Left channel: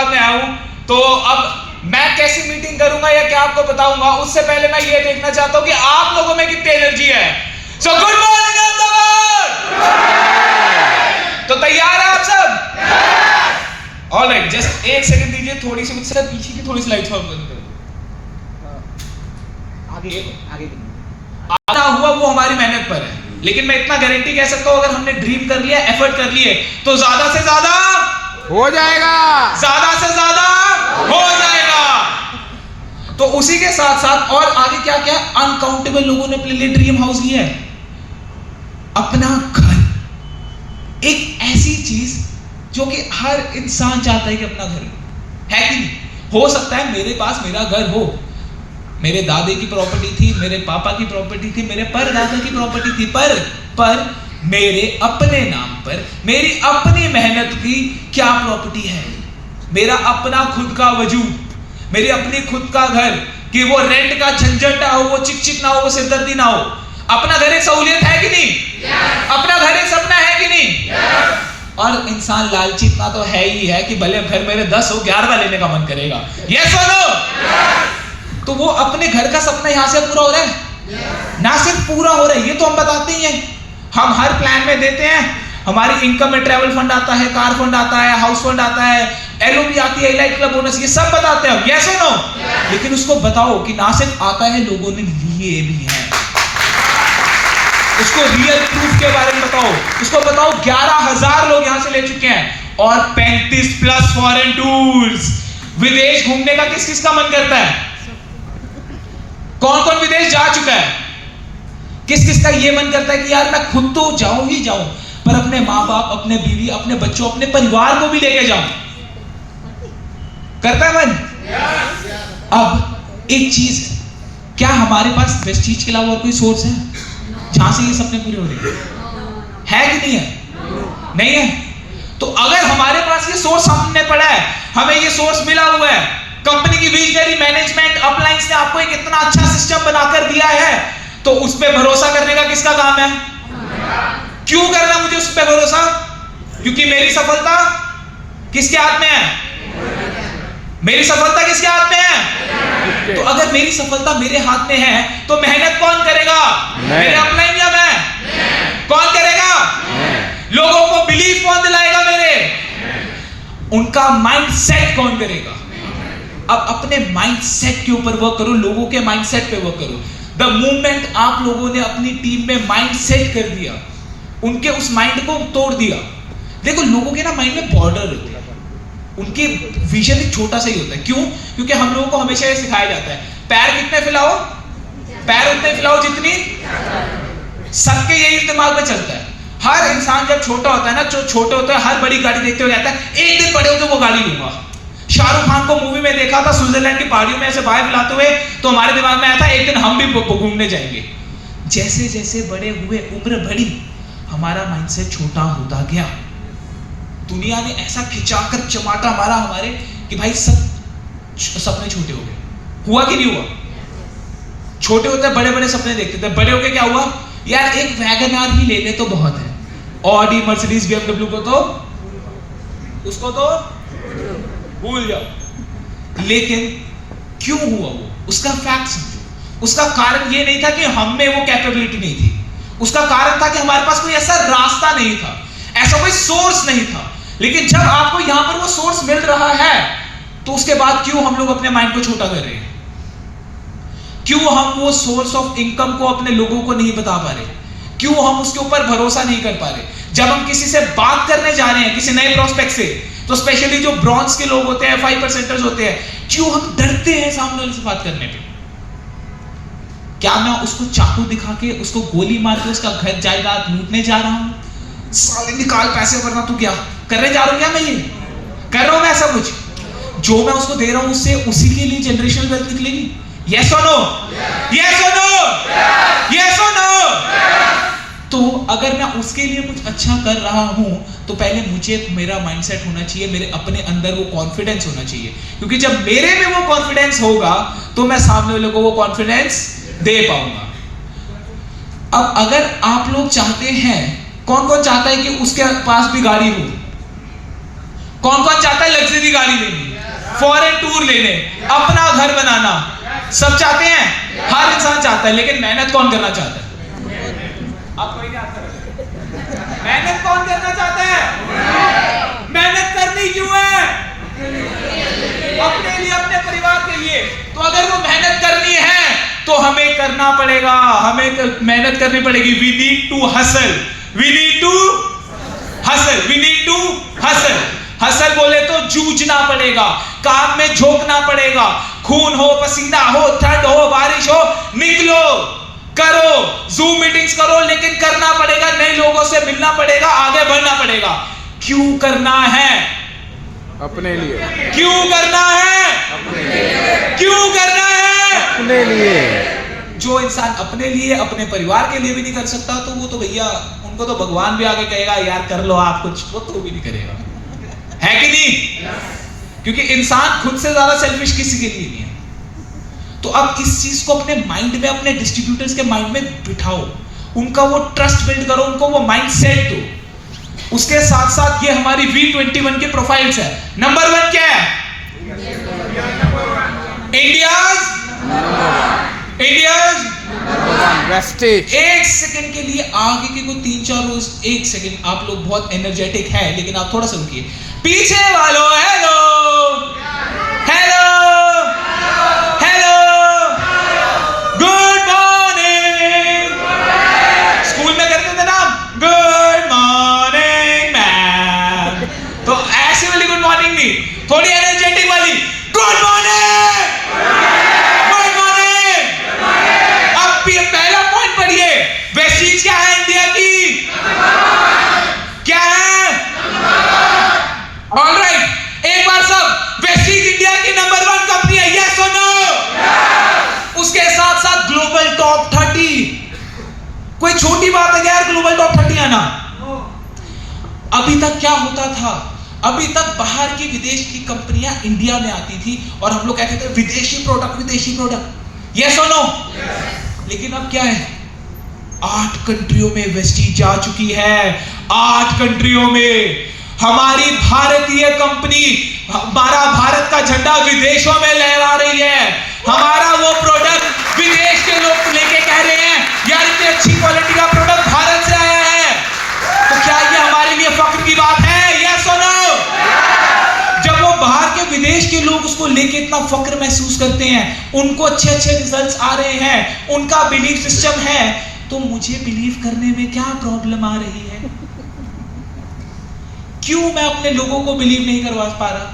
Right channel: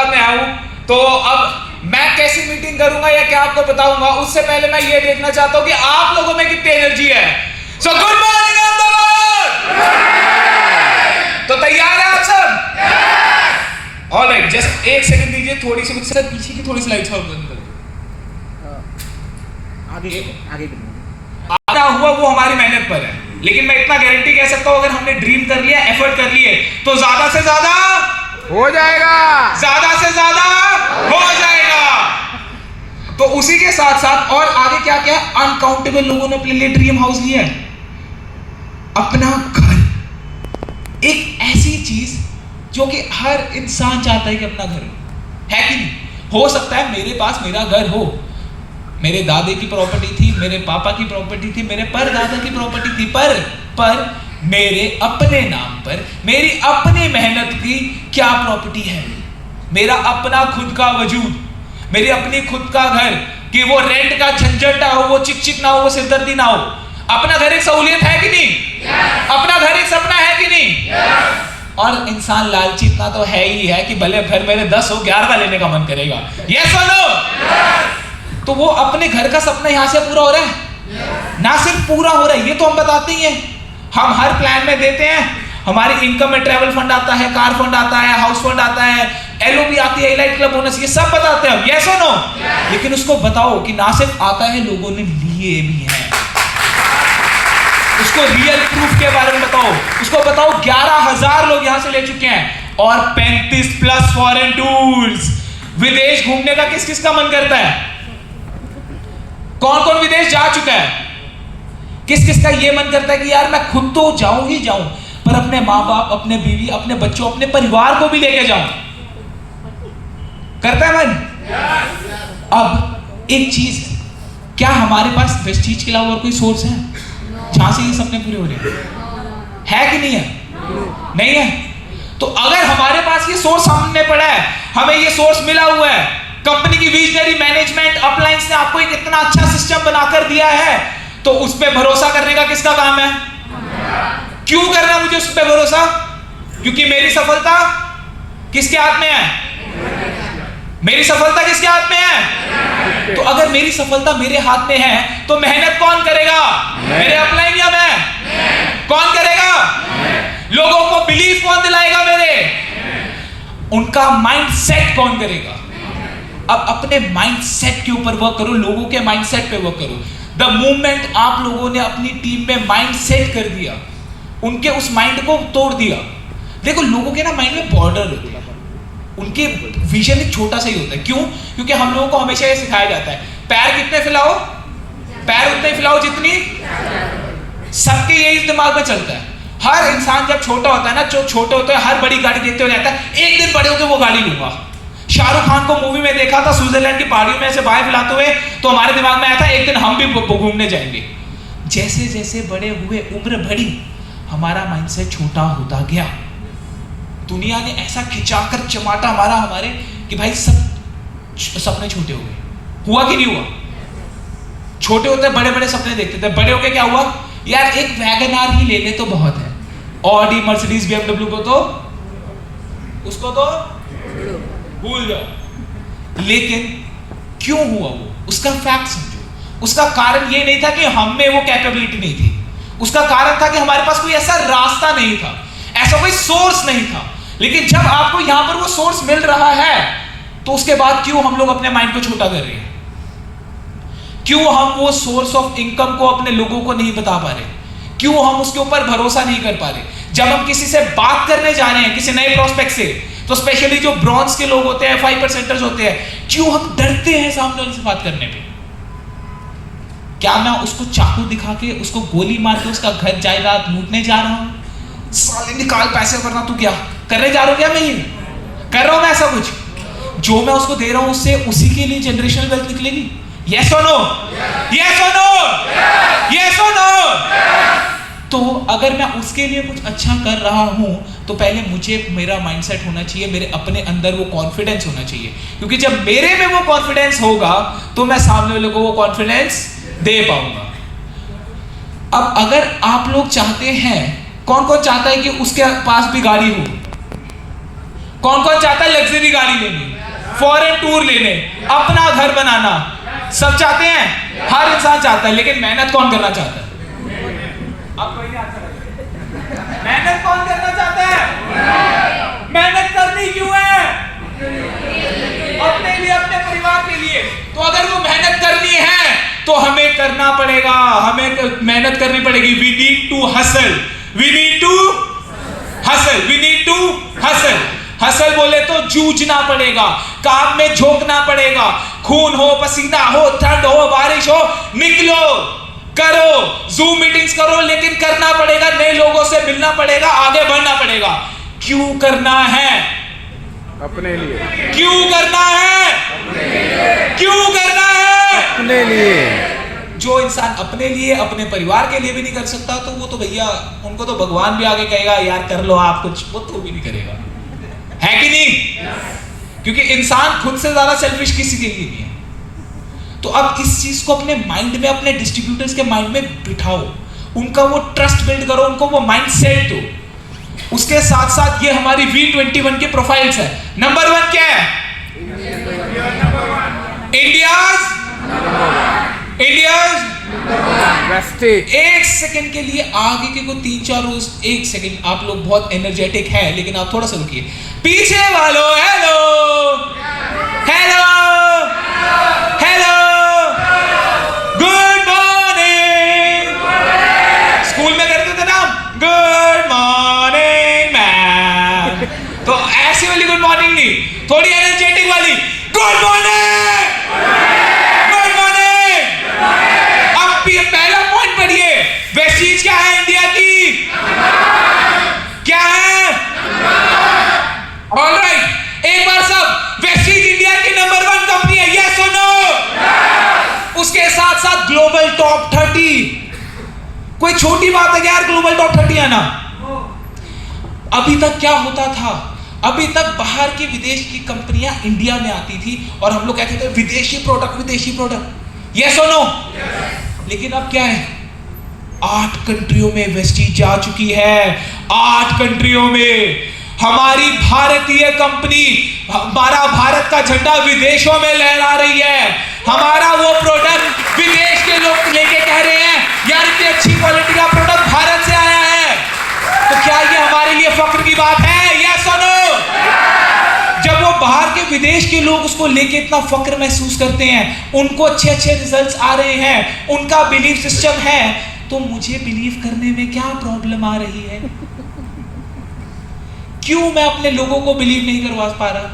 हैदराबाद में आया हूं, तो अब मैं कैसी मीटिंग करूंगा या क्या आपको बताऊंगा, उससे पहले मैं ये देखना चाहता हूं कि आप लोगों में कितनी एनर्जी है। So good morning Ahmedabad. तो तैयार है आप सब? ऑलराइट, जस्ट एक सेकंड दीजिए, थोड़ी सी मुझसे पीछे की थोड़ी स्लाइड्स और बंद करिए। आगे आता हुआ वो हमारी मेहनत पर है, लेकिन मैं इतना गारंटी कह सकता हूं, अगर हमने ड्रीम कर लिया, एफर्ट कर लिए, तो ज्यादा से ज्यादा हो जाएगा, ज्यादा से ज्यादा हो जाएगा। तो उसी के साथ साथ और आगे क्या क्या, अनकाउंटेबल लोगों ने अपने लिए ड्रीम हाउस लिया है। अपना घर एक ऐसी चीज जो कि हर इंसान चाहता है कि अपना घर है कि नहीं। हो सकता है मेरे पास मेरा घर हो, मेरे दादे की प्रॉपर्टी थी, मेरे पापा की प्रॉपर्टी थी, मेरे परदादा की प्रॉपर्टी थी, पर मेरे अपने नाम पर मेरी अपनी मेहनत की क्या प्रॉपर्टी है। मेरा अपना खुद का वजूद, मेरी अपनी खुद का घर, कि वो रेंट का झंझट ना हो, वो चिक ना हो, वो सिरदर्दी ना हो। अपना घर एक सहूलियत है कि नहीं? अपना घर एक सपना है कि नहीं? और इंसान लालची इतना तो है ही है कि भले घर मेरे 10 हो, 11 लेने का मन करेगा। यस और नो? तो वो अपने घर का सपना यहां से पूरा हो रहा है, ना सिर्फ पूरा हो रहा है, ये तो हम बताते ही हैं। हम हर प्लान में देते हैं, हमारी इनकम में ट्रैवल फंड आता है, कार फंड आता है, हाउस फंड आता है, एलओपी आती है, एलाइट क्लब बोनस, ये सब बताते हैं। यस और नो? लेकिन उसको बताओ कि ना सिर्फ आता है, लोगों ने लिए भी हैं। उसको रियल प्रूफ के बारे में बताओ, उसको बताओ 11,000 लोग यहां से ले चुके हैं, और 35+ फॉरेन टूर्स। विदेश घूमने का किस किस का मन करता है? कौन कौन विदेश जा चुका है? किस किस का ये मन करता है कि यार मैं खुद तो जाऊं ही जाऊं, पर अपने माँ बाप, अपने बीवी, अपने बच्चों, अपने परिवार को भी लेके जाऊं? करता है मन? अब एक चीज, क्या हमारे पास वेस्टीज के अलावा और कोई सोर्स है जहां से ये सपने पूरे हो रहे हैं? कि नहीं है? नहीं है। तो अगर हमारे पास ये सोर्स सामने पड़ा है, हमें ये सोर्स मिला हुआ है, कंपनी की विजनरी मैनेजमेंट अपलाइंस ने आपको एक इतना अच्छा सिस्टम बनाकर दिया है, तो उस पे भरोसा करने का किसका काम है? क्यों करना मुझे उस पे भरोसा? क्योंकि मेरी सफलता किसके हाथ में है? मेरी सफलता किसके हाथ में है? तो अगर मेरी सफलता मेरे हाथ में है, तो मेहनत कौन करेगा? मेरे अपलाइन या मैं? कौन करेगा? लोगों को बिलीव कौन दिलाएगा मेरे? उनका माइंडसेट कौन करेगा? अब अपने माइंडसेट के ऊपर वर्क करो, लोगों के माइंडसेट पे वर्क करो। द मूवमेंट आप लोगों ने अपनी टीम में माइंडसेट कर दिया, उनके उस माइंड को तोड़ दिया। देखो, लोगों के ना माइंड में बॉर्डर होते हैं, उनके विजन एक छोटा सा ही होता है। क्यों? क्योंकि हम लोगों को हमेशा ये सिखाया जाता है, पैर कितने फैलाओ, पैर उतने फैलाओ जितनी, सबके यही दिमाग में चलता है। हर इंसान जब छोटा होता है ना, जो छोटे होते हैं, हर बड़ी गाड़ी देखते हुए जाता है, एक दिन बड़े होते वो गाड़ी लूंगा। शाहरुख खान को मूवी में देखा था, स्विट्जरलैंड की पहाड़ियों में ऐसे बाएं फैलाते हुए, तो हमारे दिमाग में आया था एक दिन हम भी घूमने जाएंगे। जैसे जैसे बड़े हुए, उम्र बढ़ी, हमारा माइंडसेट छोटा होता गया। दुनिया ने ऐसा खिंचाकर चमाटा मारा हमारे कि भाई सब सपने छोटे हो गए। हुआ कि नहीं हुआ? छोटे होते बड़े बड़े सपने देखते थे, बड़े होके क्या हुआ? यार एक वैगन आर ही ले ले तो बहुत है, ऑडी, मर्सिडीज, BMW को तो, उसको तो भूल जाओ। लेकिन क्यों हुआ वो? उसका फैक्ट समझो। उसका कारण ये नहीं था कि हम में वो कैपेबिलिटी नहीं थी, उसका कारण था कि हमारे पास कोई ऐसा रास्ता नहीं था, ऐसा कोई सोर्स नहीं था। लेकिन जब आपको यहां पर वो सोर्स मिल रहा है, तो उसके बाद क्यों हम लोग अपने माइंड को छोटा कर रहे हैं? क्यों हम वो सोर्स ऑफ इनकम को अपने लोगों को नहीं बता पा रहे? क्यों हम उसके ऊपर भरोसा नहीं कर पा रहे? जब हम किसी से बात करने जा रहे हैं, किसी नए प्रोस्पेक्ट से, तो स्पेशली जो ब्रॉन्ज के लोग होते हैं, 5%ers होते हैं, क्यों हम डरते हैं सामने वाले से बात करने पे? क्या मैं उसको चाकू दिखा के, उसको गोली मार के उसका घर जायदाद लूटने जा रहा हूं? साले निकाल पैसे, वरना तू क्या करने जा रहा हूं? क्या मैं ये कर रहा हूं? मैं ऐसा कुछ जो मैं उसको दे रहा हूं, उससे उसी के लिए जनरेशनल वेल्थ निकलेगी। यस और नो? यस और नो? यस और नो? तो अगर मैं उसके लिए कुछ अच्छा कर रहा हूं, तो पहले मुझे मेरा माइंडसेट होना चाहिए, मेरे अपने अंदर वो कॉन्फिडेंस होना चाहिए। क्योंकि जब मेरे में वो कॉन्फिडेंस होगा, तो मैं सामने वाले को वो कॉन्फिडेंस दे पाऊंगा। अब अगर आप लोग चाहते हैं, कौन कौन चाहता है कि उसके पास भी गाड़ी हो? कौन कौन चाहता है लग्जरी गाड़ी लेनी? मजदूर लेने, अपना घर बनाना, सब चाहते हैं, हर इंसान चाहता है, लेकिन मेहनत कौन करना चाहता है? अब कोई नहीं आता। मेहनत कौन करना चाहता है? मेहनत करनी क्यों है? अपने लिए, अपने परिवार के लिए। तो अगर वो मेहनत करनी है तो हमें करना पड़ेगा, हमें मेहनत करनी पड़ेगी। We need to hustle, we need to hustle, we need to hustle. Hustle बोले तो जूझना पड़ेगा, काम में झोंकना पड़ेगा, खून हो, पसीना हो, ठंड हो, बारिश हो, निकलो, करो, जूम मीटिंग्स करो, लेकिन करना पड़ेगा, नए लोगों से मिलना पड़ेगा, आगे बढ़ना पड़ेगा। क्यों करना है? अपने लिए। क्यों करना है? क्यों करना है? अपने लिए। जो इंसान अपने लिए, अपने परिवार के लिए भी नहीं कर सकता, तो वो तो भैया, उनको तो भगवान भी आगे कहेगा यार कर लो आप कुछ, वो तो भी नहीं करेगा, है कि नहीं? क्योंकि इंसान खुद से ज्यादा सेल्फिश किसी के लिए नहीं है। तो अब इस चीज को अपने माइंड में, अपने डिस्ट्रीब्यूटर्स के माइंड में बिठाओ, उनका वो ट्रस्ट बिल्ड करो, उनको वो माइंड सेट दो। उसके साथ साथ ये हमारी V21 के प्रोफाइल्स है। नंबर 1 क्या है? India's wastage. एक सेकंड के लिए आगे के को 3-4 रोज, एक सेकंड, आप लोग बहुत एनर्जेटिक है, लेकिन आप थोड़ा सा रुकिए। पीछे वालों hello hello hello, good morning. School में करते थे ना गुड मॉर्निंग मैम, तो ऐसी वाली गुड मॉर्निंग नहीं, थोड़ी एनर्जेटिक वाली गुड मॉर्निंग, गुड मॉर्निंग। अब ये पहला पॉइंट पढ़िए, वेस्टीज क्या है इंडिया की? क्या है? ऑलराइट, एक बार सब, वेस्टीज इंडिया की नंबर 1 कंपनी है, यस और नो? उसके साथ साथ ग्लोबल टॉप 30, कोई छोटी बात है क्या यार ग्लोबल टॉप 30 आना? अभी तक क्या होता था? अभी तक बाहर की, विदेश की कंपनियां इंडिया में आती थी और हम लोग कहते थे विदेशी प्रोडक्ट, विदेशी प्रोडक्ट, यस और नो? लेकिन अब क्या है? 8 कंट्रियों में वेस्टीज जा चुकी है, 8 कंट्रियों में। हमारी भारतीय कंपनी, हमारा भारत का झंडा विदेशों में लहरा रही है। हमारा वो प्रोडक्ट विदेश के लोग लेके कह रहे हैं यार इतनी अच्छी क्वालिटी का प्रोडक्ट भारत से आया है। तो क्या ये हमारे लिए फख्र की बात है? यस और नो? जब वो बाहर के, विदेश के लोग उसको लेके इतना फख्र महसूस करते हैं, उनको अच्छे अच्छे रिजल्ट्स आ रहे हैं, उनका बिलीफ सिस्टम है, तो मुझे बिलीव करने में क्या प्रॉब्लम आ रही है? क्यों मैं अपने लोगों को बिलीव नहीं करवा पा रहा?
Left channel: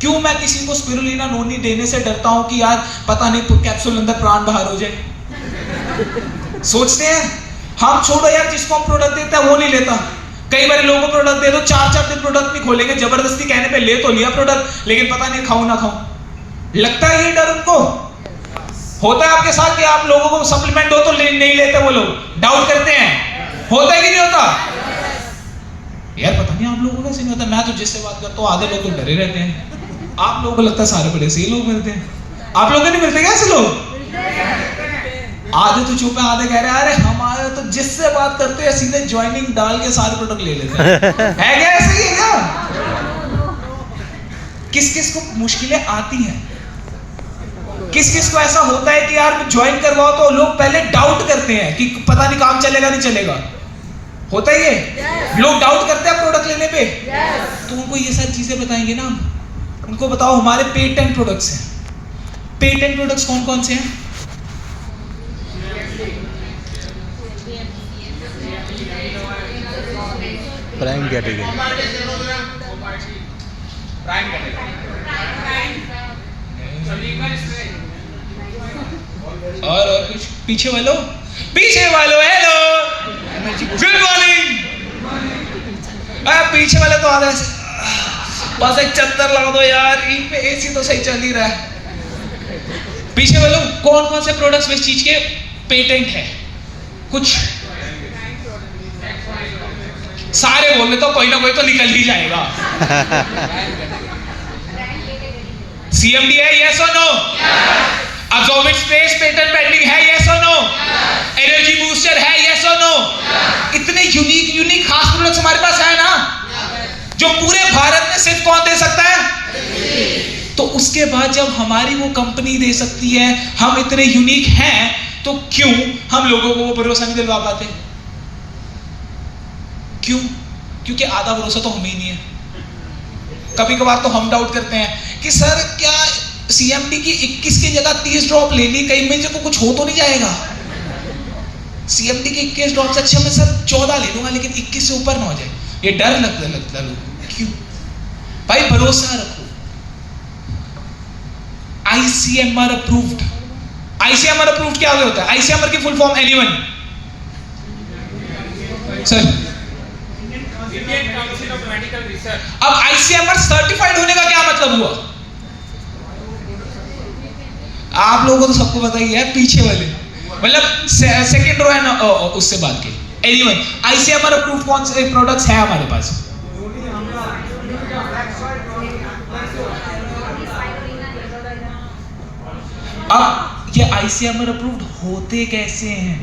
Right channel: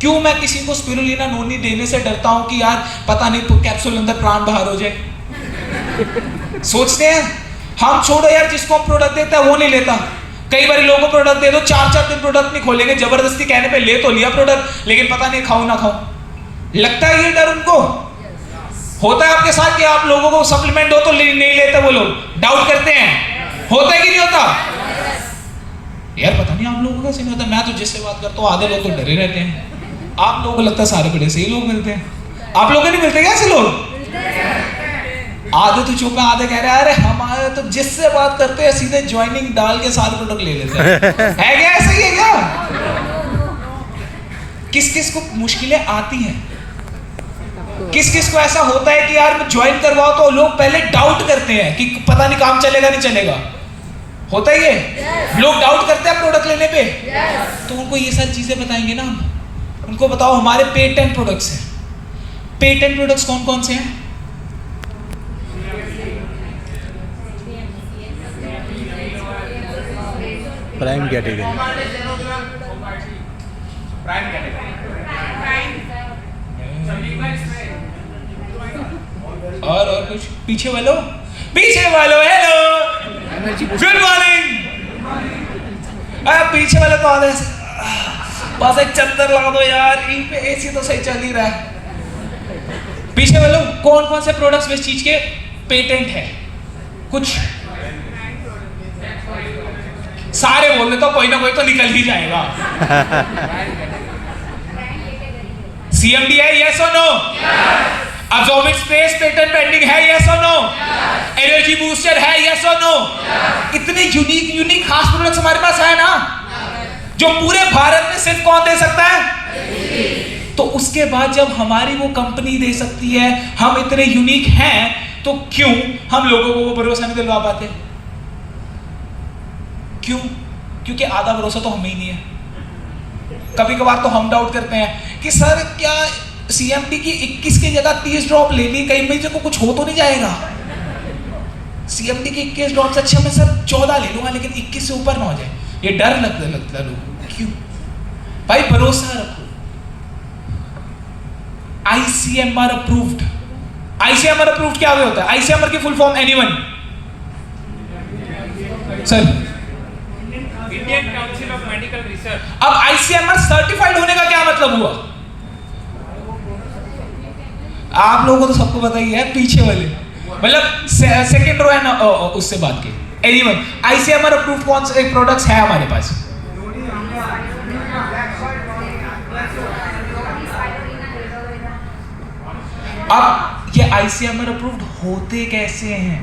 क्यों मैं किसी को स्पिरुलिना नोनी देने से डरता हूं कि यार पता नहीं कैप्सूल अंदर प्राण बाहर हो जाए? सोचते हैं हम, छोड़ो यार, जिसको हम प्रोडक्ट देते हैं वो नहीं लेता। कई बार लोगों को प्रोडक्ट दे दो, 4-4 दिन प्रोडक्ट नहीं खोलेंगे, जबरदस्ती कहने पे ले तो लिया प्रोडक्ट, लेकिन पता नहीं खाऊं ना खाऊं। लगता है ये डर उनको होता है आपके साथ कि आप लोगों को सप्लीमेंट दो तो नहीं लेते, वो लोग डाउट करते हैं, होता है कि नहीं होता? यार पता नहीं आप लोगों को कैसे नहीं होता। मैं तो जिससे बात करता हूँ आधे लोग तो डरे रहते हैं, आप लोगों को लगता है सारे बड़े सही लोग मिलते हैं। आप लोगों को नहीं मिलते क्या ऐसे लोग? आधे तो चुप है, आधे कह रहे हैं अरे हमारे तो जिससे बात करते हैं सीधे ज्वाइनिंग डाल के सारे प्रोडक्ट ले लेते हैं। है क्या ऐसे ही है क्या? किस किस को मुश्किलें आती हैं, किस किस को ऐसा होता है कि यार ज्वाइन करवाओ तो लोग पहले डाउट करते हैं कि पता नहीं काम चलेगा नहीं चलेगा, होता ही है। लोग डाउट करते हैं प्रोडक्ट लेने पे, तो उनको ये सारी चीजें बताएंगे ना, उनको बताओ हमारे पेटेंट प्रोडक्ट्स हैं। पेटेंट प्रोडक्ट्स कौन कौन से हैं? Prime category. और कुछ? पीछे वालों हेलो गुड मॉर्निंग। पीछे वाले तो आधे बस एक चद्दर लगा दो यार, इन पे एसी तो सही चल ही रहा है। पीछे वालों कौन कौन से प्रोडक्ट्स इस चीज के पेटेंट है? कुछ सारे बोल तो कोई ना कोई तो निकल ही जाएगा। CMD है, यस और no? Absorbing space patent pending है, यस और नो? एनर्जी बूस्टर है, यस और नो? इतने यूनिक खास प्रोडक्ट्स हमारे पास है ना, जो पूरे भारत में सिर्फ कौन दे सकता है? तो उसके बाद जब हमारी वो कंपनी दे सकती है, हम इतने यूनिक हैं, तो क्यों हम लोगों को वो भरोसा नहीं दिलवा पाते? क्यों? क्योंकि आधा भरोसा तो हमें ही नहीं है। कभी कभार तो हम डाउट करते हैं कि सर क्या CMD की 21 की जगह 30 ड्रॉप ले ली, कहीं में को कुछ हो तो नहीं जाएगा? CMD के 21 ड्रॉप से अच्छा मैं सर 14 ले लूंगा, लेकिन 21 से ऊपर ना हो जाए, ये डर लगता लोगों को। क्यों भाई? भरोसा रखो। ICMR approved. ICMR अप्रूव्ड क्या होता है? ICMR की full form anyone? Sir, Indian council of medical research. अब ICMR सर्टिफाइड होने का क्या मतलब हुआ? आप लोगों को तो सबको पता ही है, पीछे वाले मतलब सेकंड रो है ना, उससे बात की एनीवन। ICMR अप्रूव्ड कौन से प्रोडक्ट्स है हमारे पास? अब ये ICMR अप्रूव्ड होते कैसे हैं?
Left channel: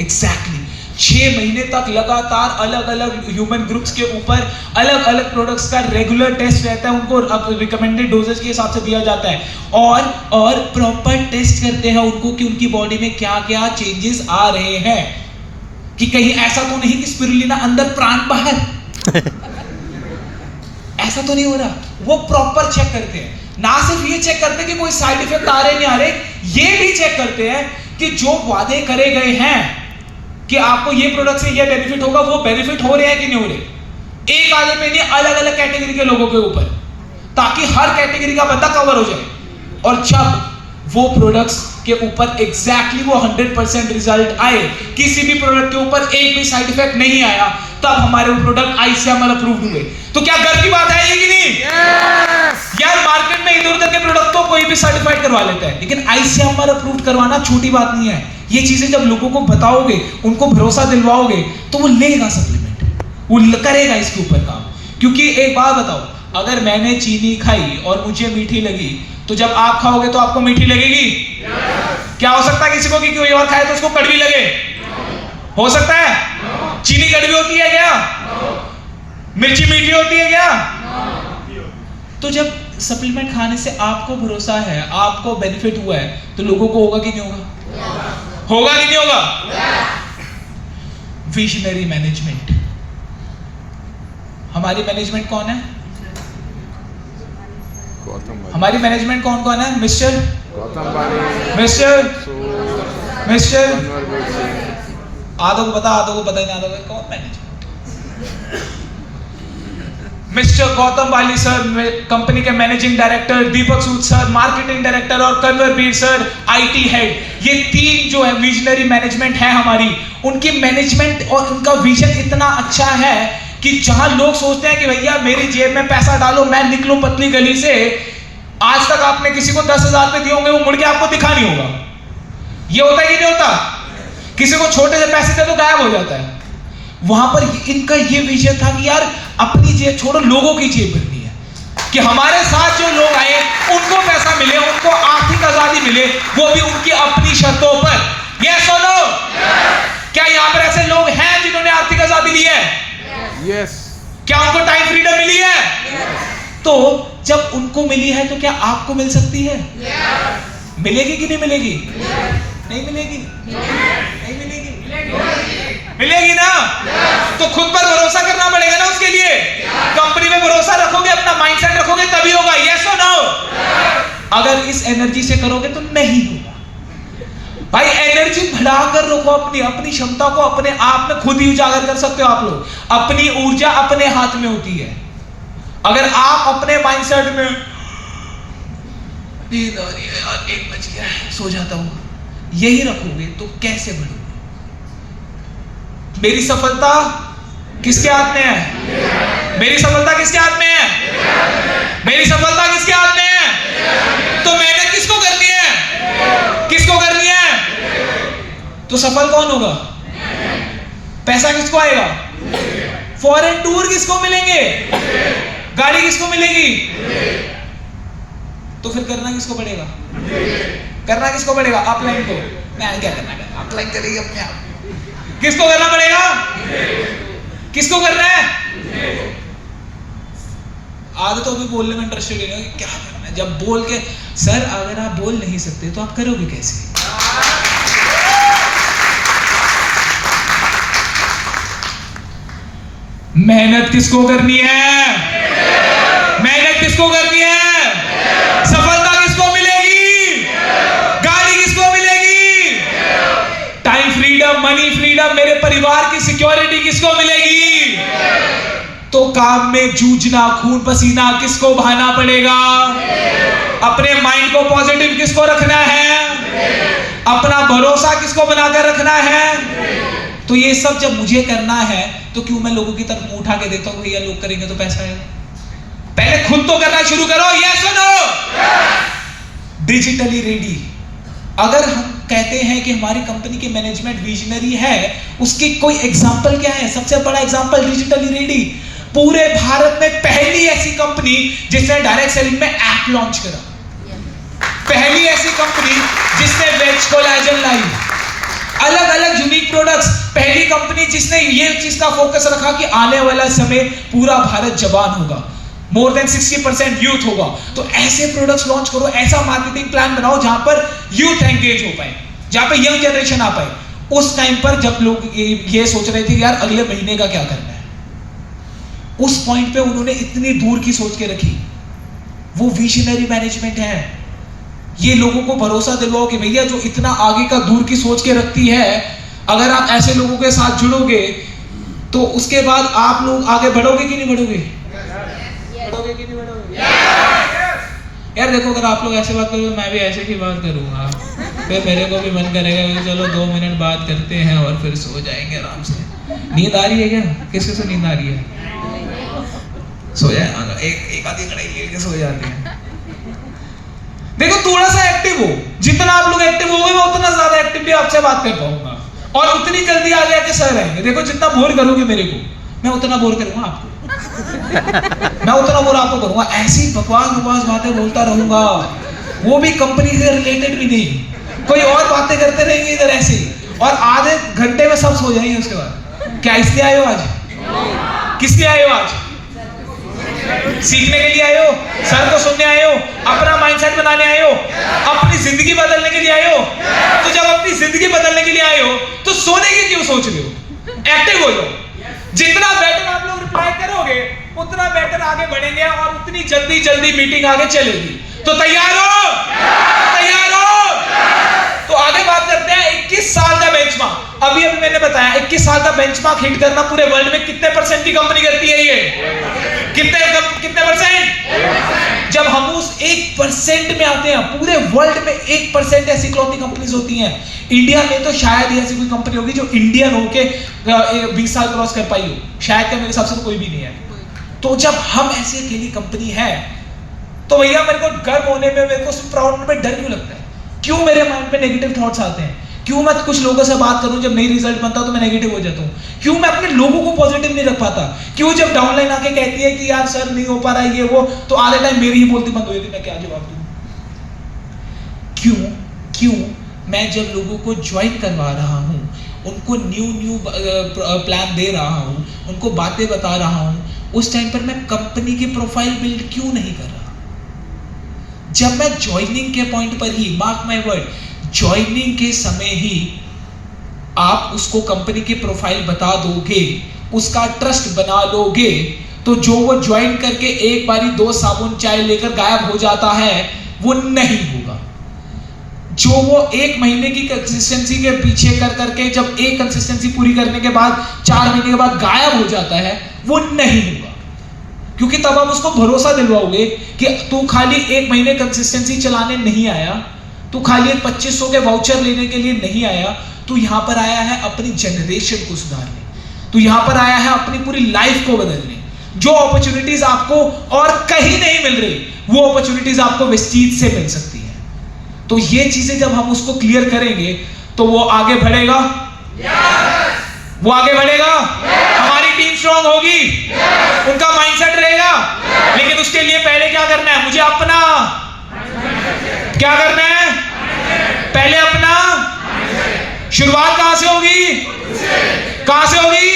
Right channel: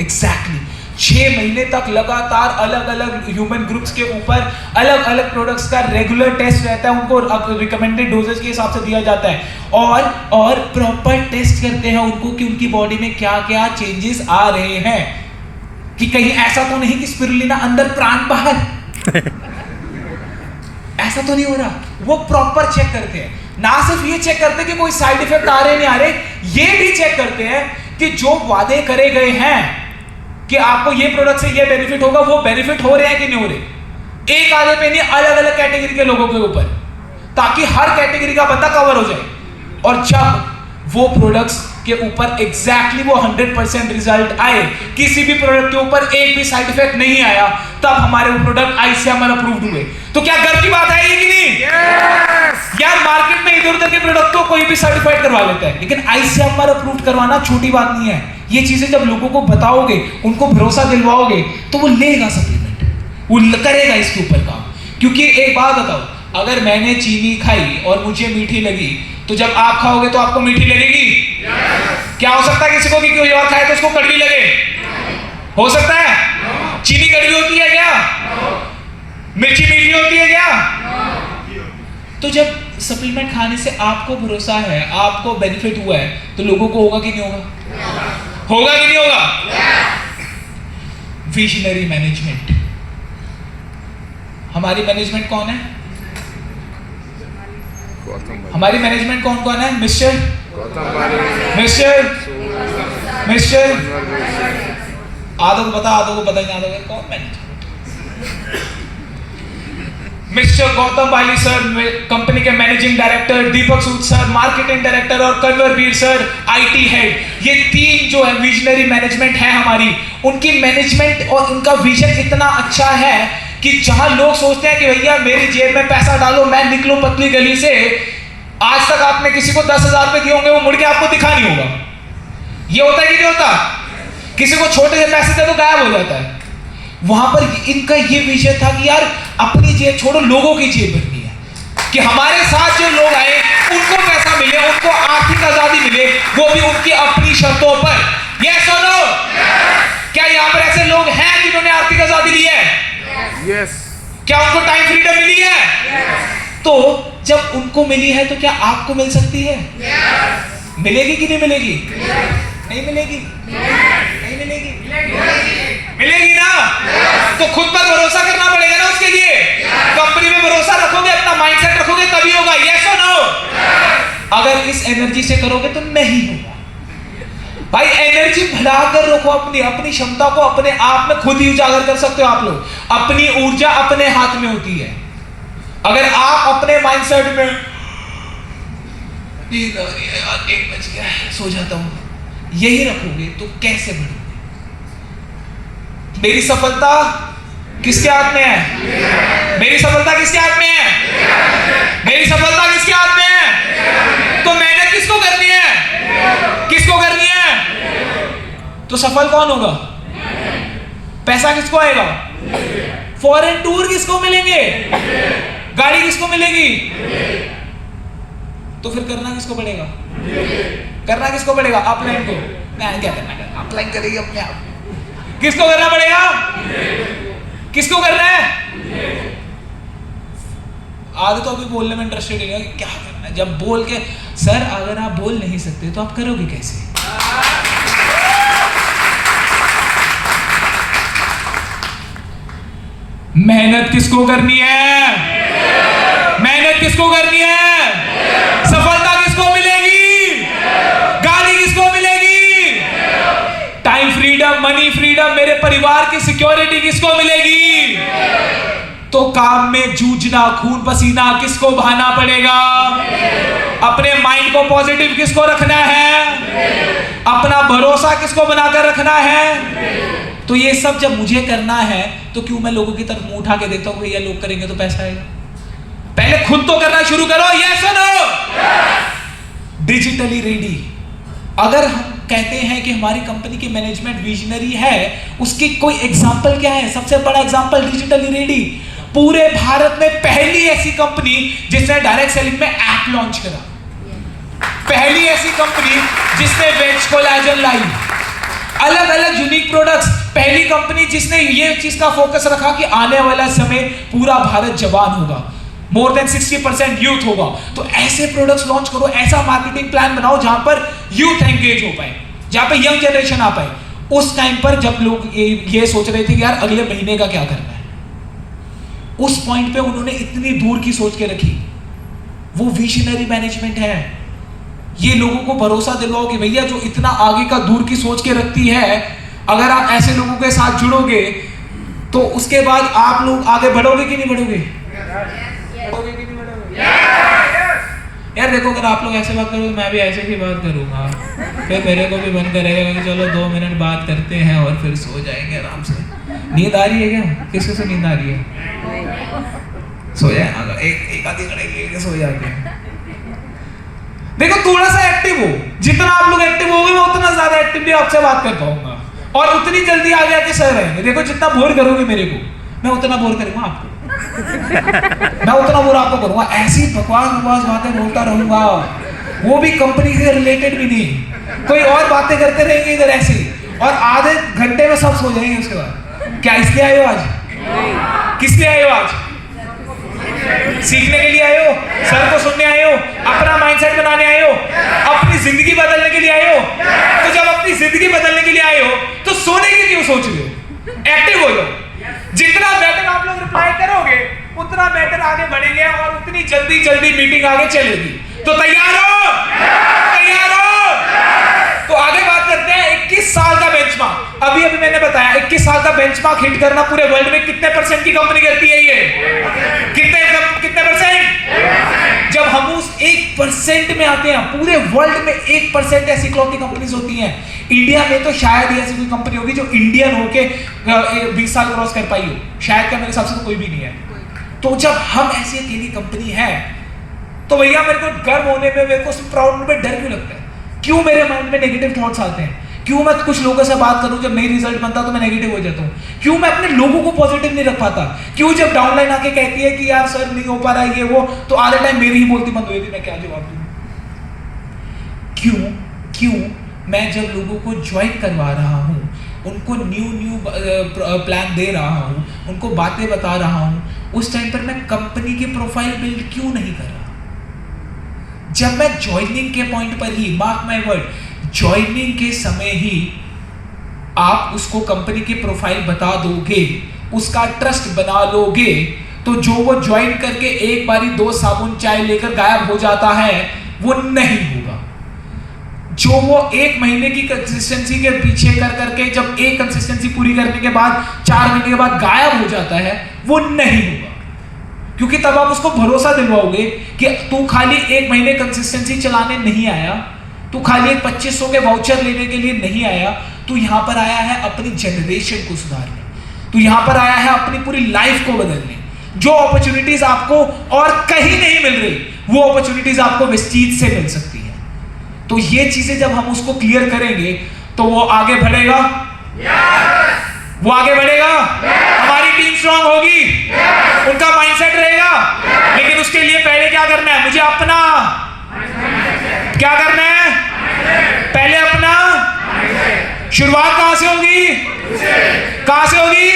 एग्जैक्टली 6 महीने तक लगातार अलग अलग ह्यूमन ग्रुप्स के ऊपर अलग अलग प्रोडक्ट्स का रेगुलर टेस्ट रहता है, उनको रिकमेंडेड डोजेज के हिसाब से दिया जाता है, और प्रॉपर टेस्ट करते हैं उनको कि उनकी बॉडी में क्या क्या चेंजेस आ रहे हैं, कि कहीं ऐसा तो नहीं कि स्पिरुलिना अंदर प्राण बाहर ऐसा तो नहीं हो रहा। वो प्रॉपर चेक करते हैं। ना सिर्फ ये चेक करते हैं कि कोई साइड इफेक्ट आ रहे नहीं आ रहे, ये भी चेक करते हैं कि जो वादे करे गए हैं कि आपको ये प्रोडक्ट से ये बेनिफिट होगा, वो बेनिफिट हो रहे हैं कि नहीं हो रहे। एक आधे पे नहीं, अलग अलग कैटेगरी के लोगों के ऊपर, ताकि हर कैटेगरी का बंदा कवर हो जाए। और जब वो प्रोडक्ट्स के ऊपर एग्जैक्टली वो 100% रिजल्ट आए, किसी भी प्रोडक्ट के ऊपर एक भी साइड इफेक्ट नहीं आया, तब हमारे वो प्रोडक्ट ICMR अप्रूव्ड हुए। तो क्या गर्व की बात है ये कि नहीं? यार मार्केट में इधर उधर के प्रोडक्ट को कोई भी सर्टिफाइड करवा लेता है, लेकिन ICMR अप्रूव्ड करवाना छोटी बात नहीं है। ये चीजें जब लोगों को बताओगे, उनको भरोसा दिलवाओगे, तो वो लेगा सप्लीमेंट, वो करेगा इसके ऊपर काम। क्योंकि एक बात बताओ, अगर मैंने चीनी खाई और मुझे मीठी लगी, तो जब आप खाओगे तो आपको मीठी लगेगी? क्या हो सकता है किसी को कि कोई और खाए तो उसको कड़वी लगे? हो सकता है? चीनी कड़वी होती है क्या? मिर्ची मीठी होती है क्या? तो जब सप्लीमेंट खाने से आपको भरोसा है, आपको बेनिफिट हुआ है, तो लोगों को होगा कि नहीं होगा? होगा कि नहीं होगा? Visionary management. हमारी मैनेजमेंट कौन है? हमारी मैनेजमेंट कौन कौन है? मिस्टर आधो को पता, आधो को पता ही नहीं, कौन मैनेजमेंट? मिस्टर गौतम बाली सर कंपनी के मैनेजिंग डायरेक्टर, दीपक सूद सर मार्केटिंग डायरेक्टर, और कन्वरवीर सर IT हेड। ये 3 जो है विजनरी मैनेजमेंट है हमारी। उनकी मैनेजमेंट और उनका विजन इतना अच्छा है कि जहां लोग सोचते हैं कि भैया मेरी जेब में पैसा डालो, मैं निकलूं पतली गली से, आज तक आपने किसी को 10,000 रुपए दिए होंगे, वो मुड़ के आपको दिखा नहीं होगा। ये होता है कि नहीं होता? किसी को छोटे से पैसे दे तो गायब हो जाता है। वहां पर इनका ये विषय था कि यार अपनी जेब छोड़ो, लोगों की जेब भरनी है, कि हमारे साथ जो लोग आए उनको पैसा मिले, उनको आर्थिक आजादी मिले, वो भी उनकी अपनी शर्तों पर। यस और नो? क्या यहाँ पर ऐसे लोग हैं जिन्होंने आर्थिक आजादी ली है? यस। क्या उनको टाइम फ्रीडम मिली है? तो जब उनको मिली है तो क्या आपको मिल सकती है? मिलेगी कि नहीं मिलेगी? नहीं मिलेगी? नहीं मिलेगी? मिलेगी ना? तो खुद पर भरोसा करना पड़ेगा ना उसके लिए। कंपनी में भरोसा रखोगे, अपना माइंडसेट रखोगे, तभी होगा। यस और नो? अगर इस एनर्जी से करोगे तो नहीं होगा। भाई एनर्जी बढ़ाकर रखो, अपनी क्षमता को अपने आप में खुद ही उजागर कर सकते हो आप लोग। अपनी ऊर्जा अपने हाथ में होती है। अगर आप अपने माइंडसेट में 1 बज गया सो जाता हूं, यही रखोगे तो कैसे बढ़ोगे? मेरी सफलता किसके हाथ में है? मेरी सफलता किसके हाथ में है? मेरी सफलता किसके हाथ में है? तो मेहनत किसको करनी है? किसको करनी है? तो सफल कौन होगा? पैसा किसको आएगा? फॉरेन टूर किसको मिलेंगे? गाड़ी किसको मिलेगी? तो फिर करना किसको पड़ेगा? करना किसको पड़ेगा? अपलाइन को। मैं क्या करना? अपलाइन करेगी अपने आप। किसको करना पड़ेगा? किसको करना है? आदत अभी बोलने में इंटरेस्टेड है, क्या करना है जब बोल के, सर अगर आप बोल नहीं सकते तो आप करोगे कैसे? मेहनत किसको करनी है? मेहनत किसको करनी है? सफलता किसको मिलेगी? गाली किसको मिलेगी? टाइम फ्रीडम, मनी फ्रीडम, मेरे परिवार की सिक्योरिटी किसको मिलेगी? तो काम में जूझना, खून पसीना किसको बहाना पड़ेगा? अपने माइंड को पॉजिटिव किसको रखना है? अपना भरोसा किसको बनाकर रखना है? तो ये सब जब मुझे करना है तो क्यों मैं लोगों की तरफ मुंह उठा के देखता हूं, भैया लोग करेंगे तो पैसा आएगा? पहले खुद तो करना शुरू करो। ये सुनो, डिजिटली रेडी। अगर हम कहते हैं कि हमारी कंपनी की मैनेजमेंट विजनरी है, उसकी कोई एग्जांपल क्या है? सबसे बड़ा एग्जांपल डिजिटली रेडी। पूरे भारत में पहली ऐसी कंपनी जिसने डायरेक्ट सेलिंग में ऐप लॉन्च करा, पहली ऐसी कंपनी जिसने वेज कोलेजन लाई, अलग अलग यूनिक प्रोडक्ट्स, पहली कंपनी जिसने ये चीज का फोकस रखा कि आने वाला समय पूरा भारत जवान होगा, मोर देन 60% यूथ होगा। तो ऐसे प्रोडक्ट्स लॉन्च करो, ऐसा मार्केटिंग प्लान बनाओ जहां पर यूथ एंगेज हो पाए, जहां पर यंग जनरेशन आ पाए। उस टाइम पर जब लोग ये सोच रहे थे कि यार अगले महीने का क्या करना है, उस पॉइंट पे उन्होंने इतनी दूर की सोच के रखी। वो विजनरी मैनेजमेंट है। ये लोगों को भरोसा दिलवाओ कि भैया जो इतना आगे का दूर की सोच के रखती है, अगर आप ऐसे लोगों के साथ जुड़ोगे तो उसके बाद आप लोग आगे बढ़ोगे कि नहीं बढ़ोगे? यार देखो, अगर आप लोग ऐसे बात करोगे मैं भी ऐसे ही बात करूंगा, फिर मेरे को भी मन करेगा कि चलो 2 मिनट बात करते हैं और फिर सो जाएंगे आराम से। नींद आ रही है क्या? किसको से नींद आ रही है? सो जाए, एक आधी कड़ाई लेके सो जाते हैं। देखो, थोड़ा सा एक्टिव हो, जितना आप लोग एक्टिव होगे मैं उतना ज्यादा एक्टिवली आपसे बात कर पाऊंगा और उतनी जल्दी आगे आके सह रहेंगे। देखो, जितना बोर करोगे मेरे को, मैं उतना बोर करूंगा आपको। मैं उतना बोर आपको करूंगा, ऐसी बकवास बातें बोलता रहूंगा, वो भी कंपनी से रिलेटेड भी नहीं, कोई और बातें करते रहेंगे इधर ऐसे, और आधे घंटे में सब सो जाएंगे। उसके बाद क्या इसलिए आए हो आज? किस लिए आए हो आज? सीखने के लिए आए हो? सर को सुनने आए हो? अपना माइंडसेट बनाने आए हो? अपनी जिंदगी बदलने के लिए आए हो? तो जब अपनी जिंदगी बदलने के लिए आए हो तो सोने की क्यों सोच रहे हो? एक्टिव हो जाओ। जितना बेटर आप लोग रिप्लाई करोगे उतना बेटर आगे बढ़ेंगे और उतनी जल्दी मीटिंग आगे चलेगी। तो तैयार हो? तैयार हो? तो आगे बात करते हैं 21 साल का बेंचमार्क। अभी मैंने बताया 21 साल का बेंचमार्क हिट करना पूरे वर्ल्ड में कितने % की कंपनी करती है? ये कितने %? जब हम उस 1% में आते हैं, पूरे वर्ल्ड में 1% ऐसी क्लॉथिंग कंपनीज होती हैं। इंडिया में तो शायद ही ऐसी कोई कंपनी होगी जो इंडियन होके 20 साल क्रॉस कर पाई हो, शायद का मेरे हिसाब से तो कोई भी नहीं है। तो जब हम ऐसी अकेली कंपनी है तो भैया मेरे को गर्व होने में, मेरे को प्राउड में डर क्यों लगता है? क्यों मेरे माइंड में नेगेटिव थॉट्स आते हैं? क्यों मैं कुछ लोगों से बात करूं, जब नहीं रिजल्ट बनता तो मैं नेगेटिव हो जाता हूं? क्यों मैं अपने लोगों को पॉजिटिव नहीं रख पाता? क्यों जब डाउनलाइन आके कहती है कि यार सर नहीं हो पा रहा है ये वो, तो आधे टाइम मेरी ही बोलती बंद हुई थी, मैं क्या जवाब दूं? क्यों मैं जब लोगों को ज्वाइन करवा रहा हूं, उनको न्यू प्लान दे रहा हूं, उनको बातें बता रहा हूं, उस टाइम पर मैं कंपनी की प्रोफाइल बिल्ड क्यों नहीं कर रहा? जब मैं ज्वाइनिंग के पॉइंट पर ही, मार्क माय वर्ड, ज्वाइनिंग के समय ही आप उसको कंपनी की प्रोफाइल बता दोगे, उसका ट्रस्ट बना लोगे, तो जो वो ज्वाइन करके एक बारी 2 साबुन चाय लेकर गायब हो जाता है वो नहीं होगा। जो वो 1 महीने की कंसिस्टेंसी के पीछे कर करके जब एक कंसिस्टेंसी पूरी करने के बाद 4 महीने के बाद गायब हो जाता है, वो नहीं होगा। क्योंकि तब आप उसको भरोसा दिलवाओगे कि तू खाली 1 महीने कंसिस्टेंसी चलाने नहीं आया, तू खाली 2500 के वाउचर लेने के लिए नहीं आया, तू यहां पर आया है अपनी जनरेशन को सुधारने, तू यहां पर आया है अपनी पूरी लाइफ को बदलने। जो अपॉर्चुनिटीज आपको और कहीं नहीं मिल रही, वो अपॉर्चुनिटीज आपको वेस्टीज से मिल सकती है। तो ये चीजें जब हम उसको क्लियर करेंगे तो वो आगे बढ़ेगा। वो आगे बढ़ेगा, हमारी टीम स्ट्रांग होगी, उनका माइंडसेट रहेगा। लेकिन उसके लिए पहले क्या करना है? मुझे अपना क्या करना है? पहले अपना। शुरुआत कहां से होगी? कहां से होगी?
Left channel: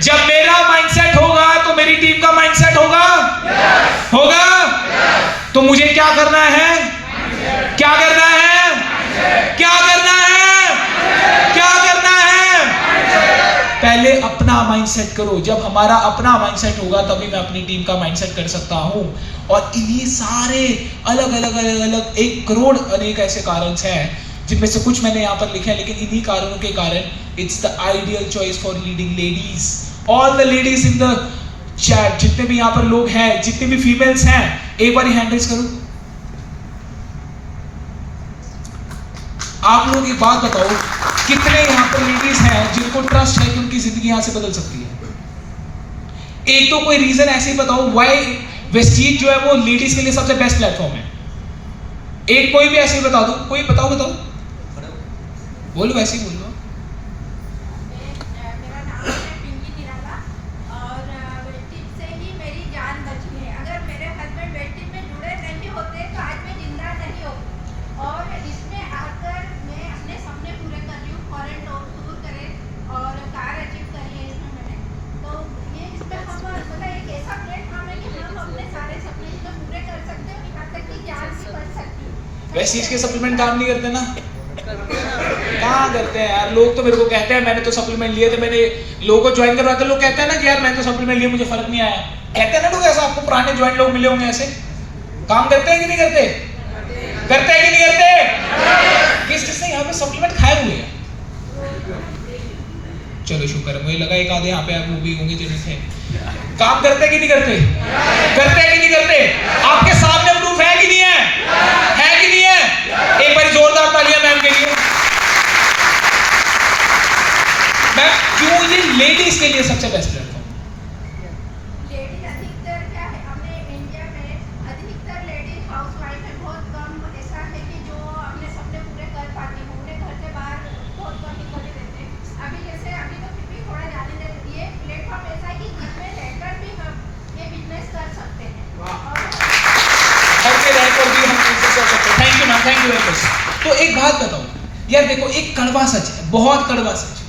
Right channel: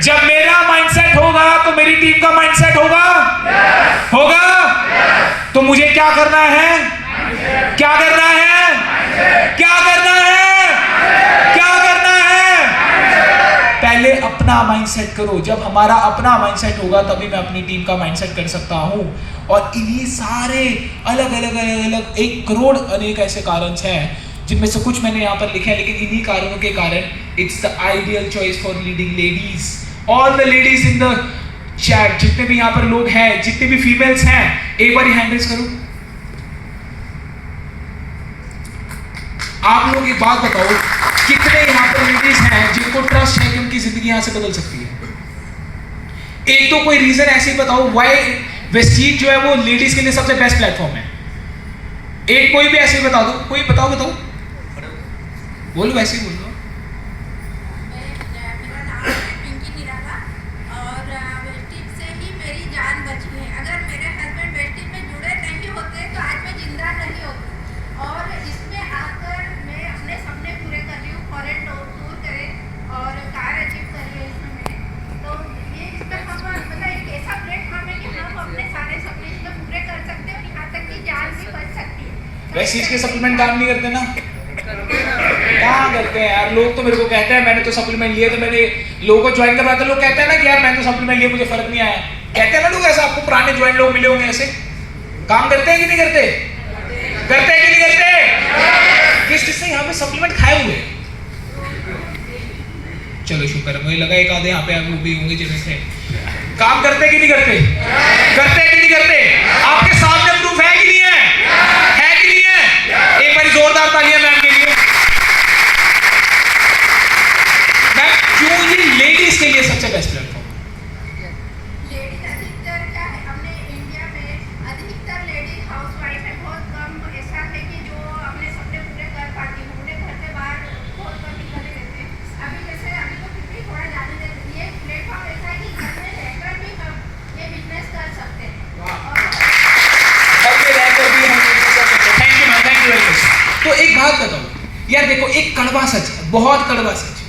जब मेरा माइंडसेट होगा तो मेरी टीम का माइंडसेट होगा। होगा? तो मुझे क्या करना है? क्या करना है? क्या करना है? क्या करना है? पहले अपना माइंडसेट करो। जब हमारा अपना माइंडसेट होगा तभी मैं अपनी टीम का माइंडसेट कर सकता हूं। और इन्हीं सारे अलग अलग अलग अलग 1 करोड़ अनेक ऐसे कारण हैं जिनमें से कुछ मैंने यहाँ पर लिखे हैं, लेकिन इन्हीं कारणों के कारण it's the ideal choice for leading ladies. All the ladies in the chat, जितने भी यहाँ पर लोग हैं, जितने भी फीमेल्स हैं, एक बार हैंड रेज करो। आप लोग एक बात बताओ, कितने यहाँ पर लेडीज हैं जिनको ट्रस्ट है कि उनकी जिंदगी यहाँ से बदल सकती है? एक तो कोई रीजन ऐसे ही बताओ व्हाई वेस्टीज जो है वो लेडीज के लिए सबसे बेस्ट प्लेटफॉर्म है। एक कोई भी ऐसे ही बता दो, कोई बताओ बोलो, वैसे ही बोलो। मेरा नाम है पिंकी निराला और वेस्टीज से ही मेरी जान बची है। अगर मेरे हस्बैंड वेस्टीज में जुड़े नहीं होते तो आज मैं जिंदा नहीं होती। और इसमें आकर मैं अपने सपने पूरे कर रही हूँ, फॉरेन टूर करें और कार अचीव कर रही हूँ इसमें। तो ये इसमें हम मतलब एक ऐसा प्लेटफॉर्म है कि हम अपने सारे सपने इसमें पूरे कर सकते हैं और यहाँ तक कि जान भी बच सकती है। वेस्टीज के सप्लीमेंट काम नहीं करते ना? कहाँ करते हैं यार? लोग तो मेरे को कहते हैं मैंने तो सप्लीमेंट लिए, तो मैंने लोगों को ज्वाइन करवाते, लोग कहते हैं ना कि यार मैंने तो सप्लीमेंट लिए, मुझे फर्क नहीं आया। कहते हैं ना लोग ऐसा, आपको पुराने ज्वाइन लोग मिले होंगे ऐसे। काम करते हैं कि नहीं करते? करते हैं कि नहीं करते? किस किसने यहाँ पे सप्लीमेंट खाए हुए? चलो शुक्र है, मुझे लगा एक आधे यहाँ पे आप लोग भी होंगे जिनमें से काम करते कि नहीं करते? करते हैं कि नहीं करते? आपके सामने प्रूफ है कि नहीं है? है कि नहीं है? एक बार जोरदार तालियां मैम के लिए। मैम क्यों ये लेडीज के लिए सबसे बेस्ट प्लेटफॉर्म? लेडीज अधिकतर क्या है, हमें इंडिया में अधिकतर लेडीज हाउसवाइफ है। बहुत कम ऐसा है कि जो अपने सपने पूरे कर पाती है। उन्हें घर से बाहर बहुत कम निकलने देते हैं। अभी जैसे अभी तो फिर भी थोड़ा जाने देते हैं। ये प्लेटफॉर्म ऐसा है कि घर में रहकर भी हम ये बिजनेस कर सकते हैं। Thank you ma'am, thank you very much. तो एक बात बताओ यार, देखो एक कड़वा सच है, बहुत कड़वा सच है।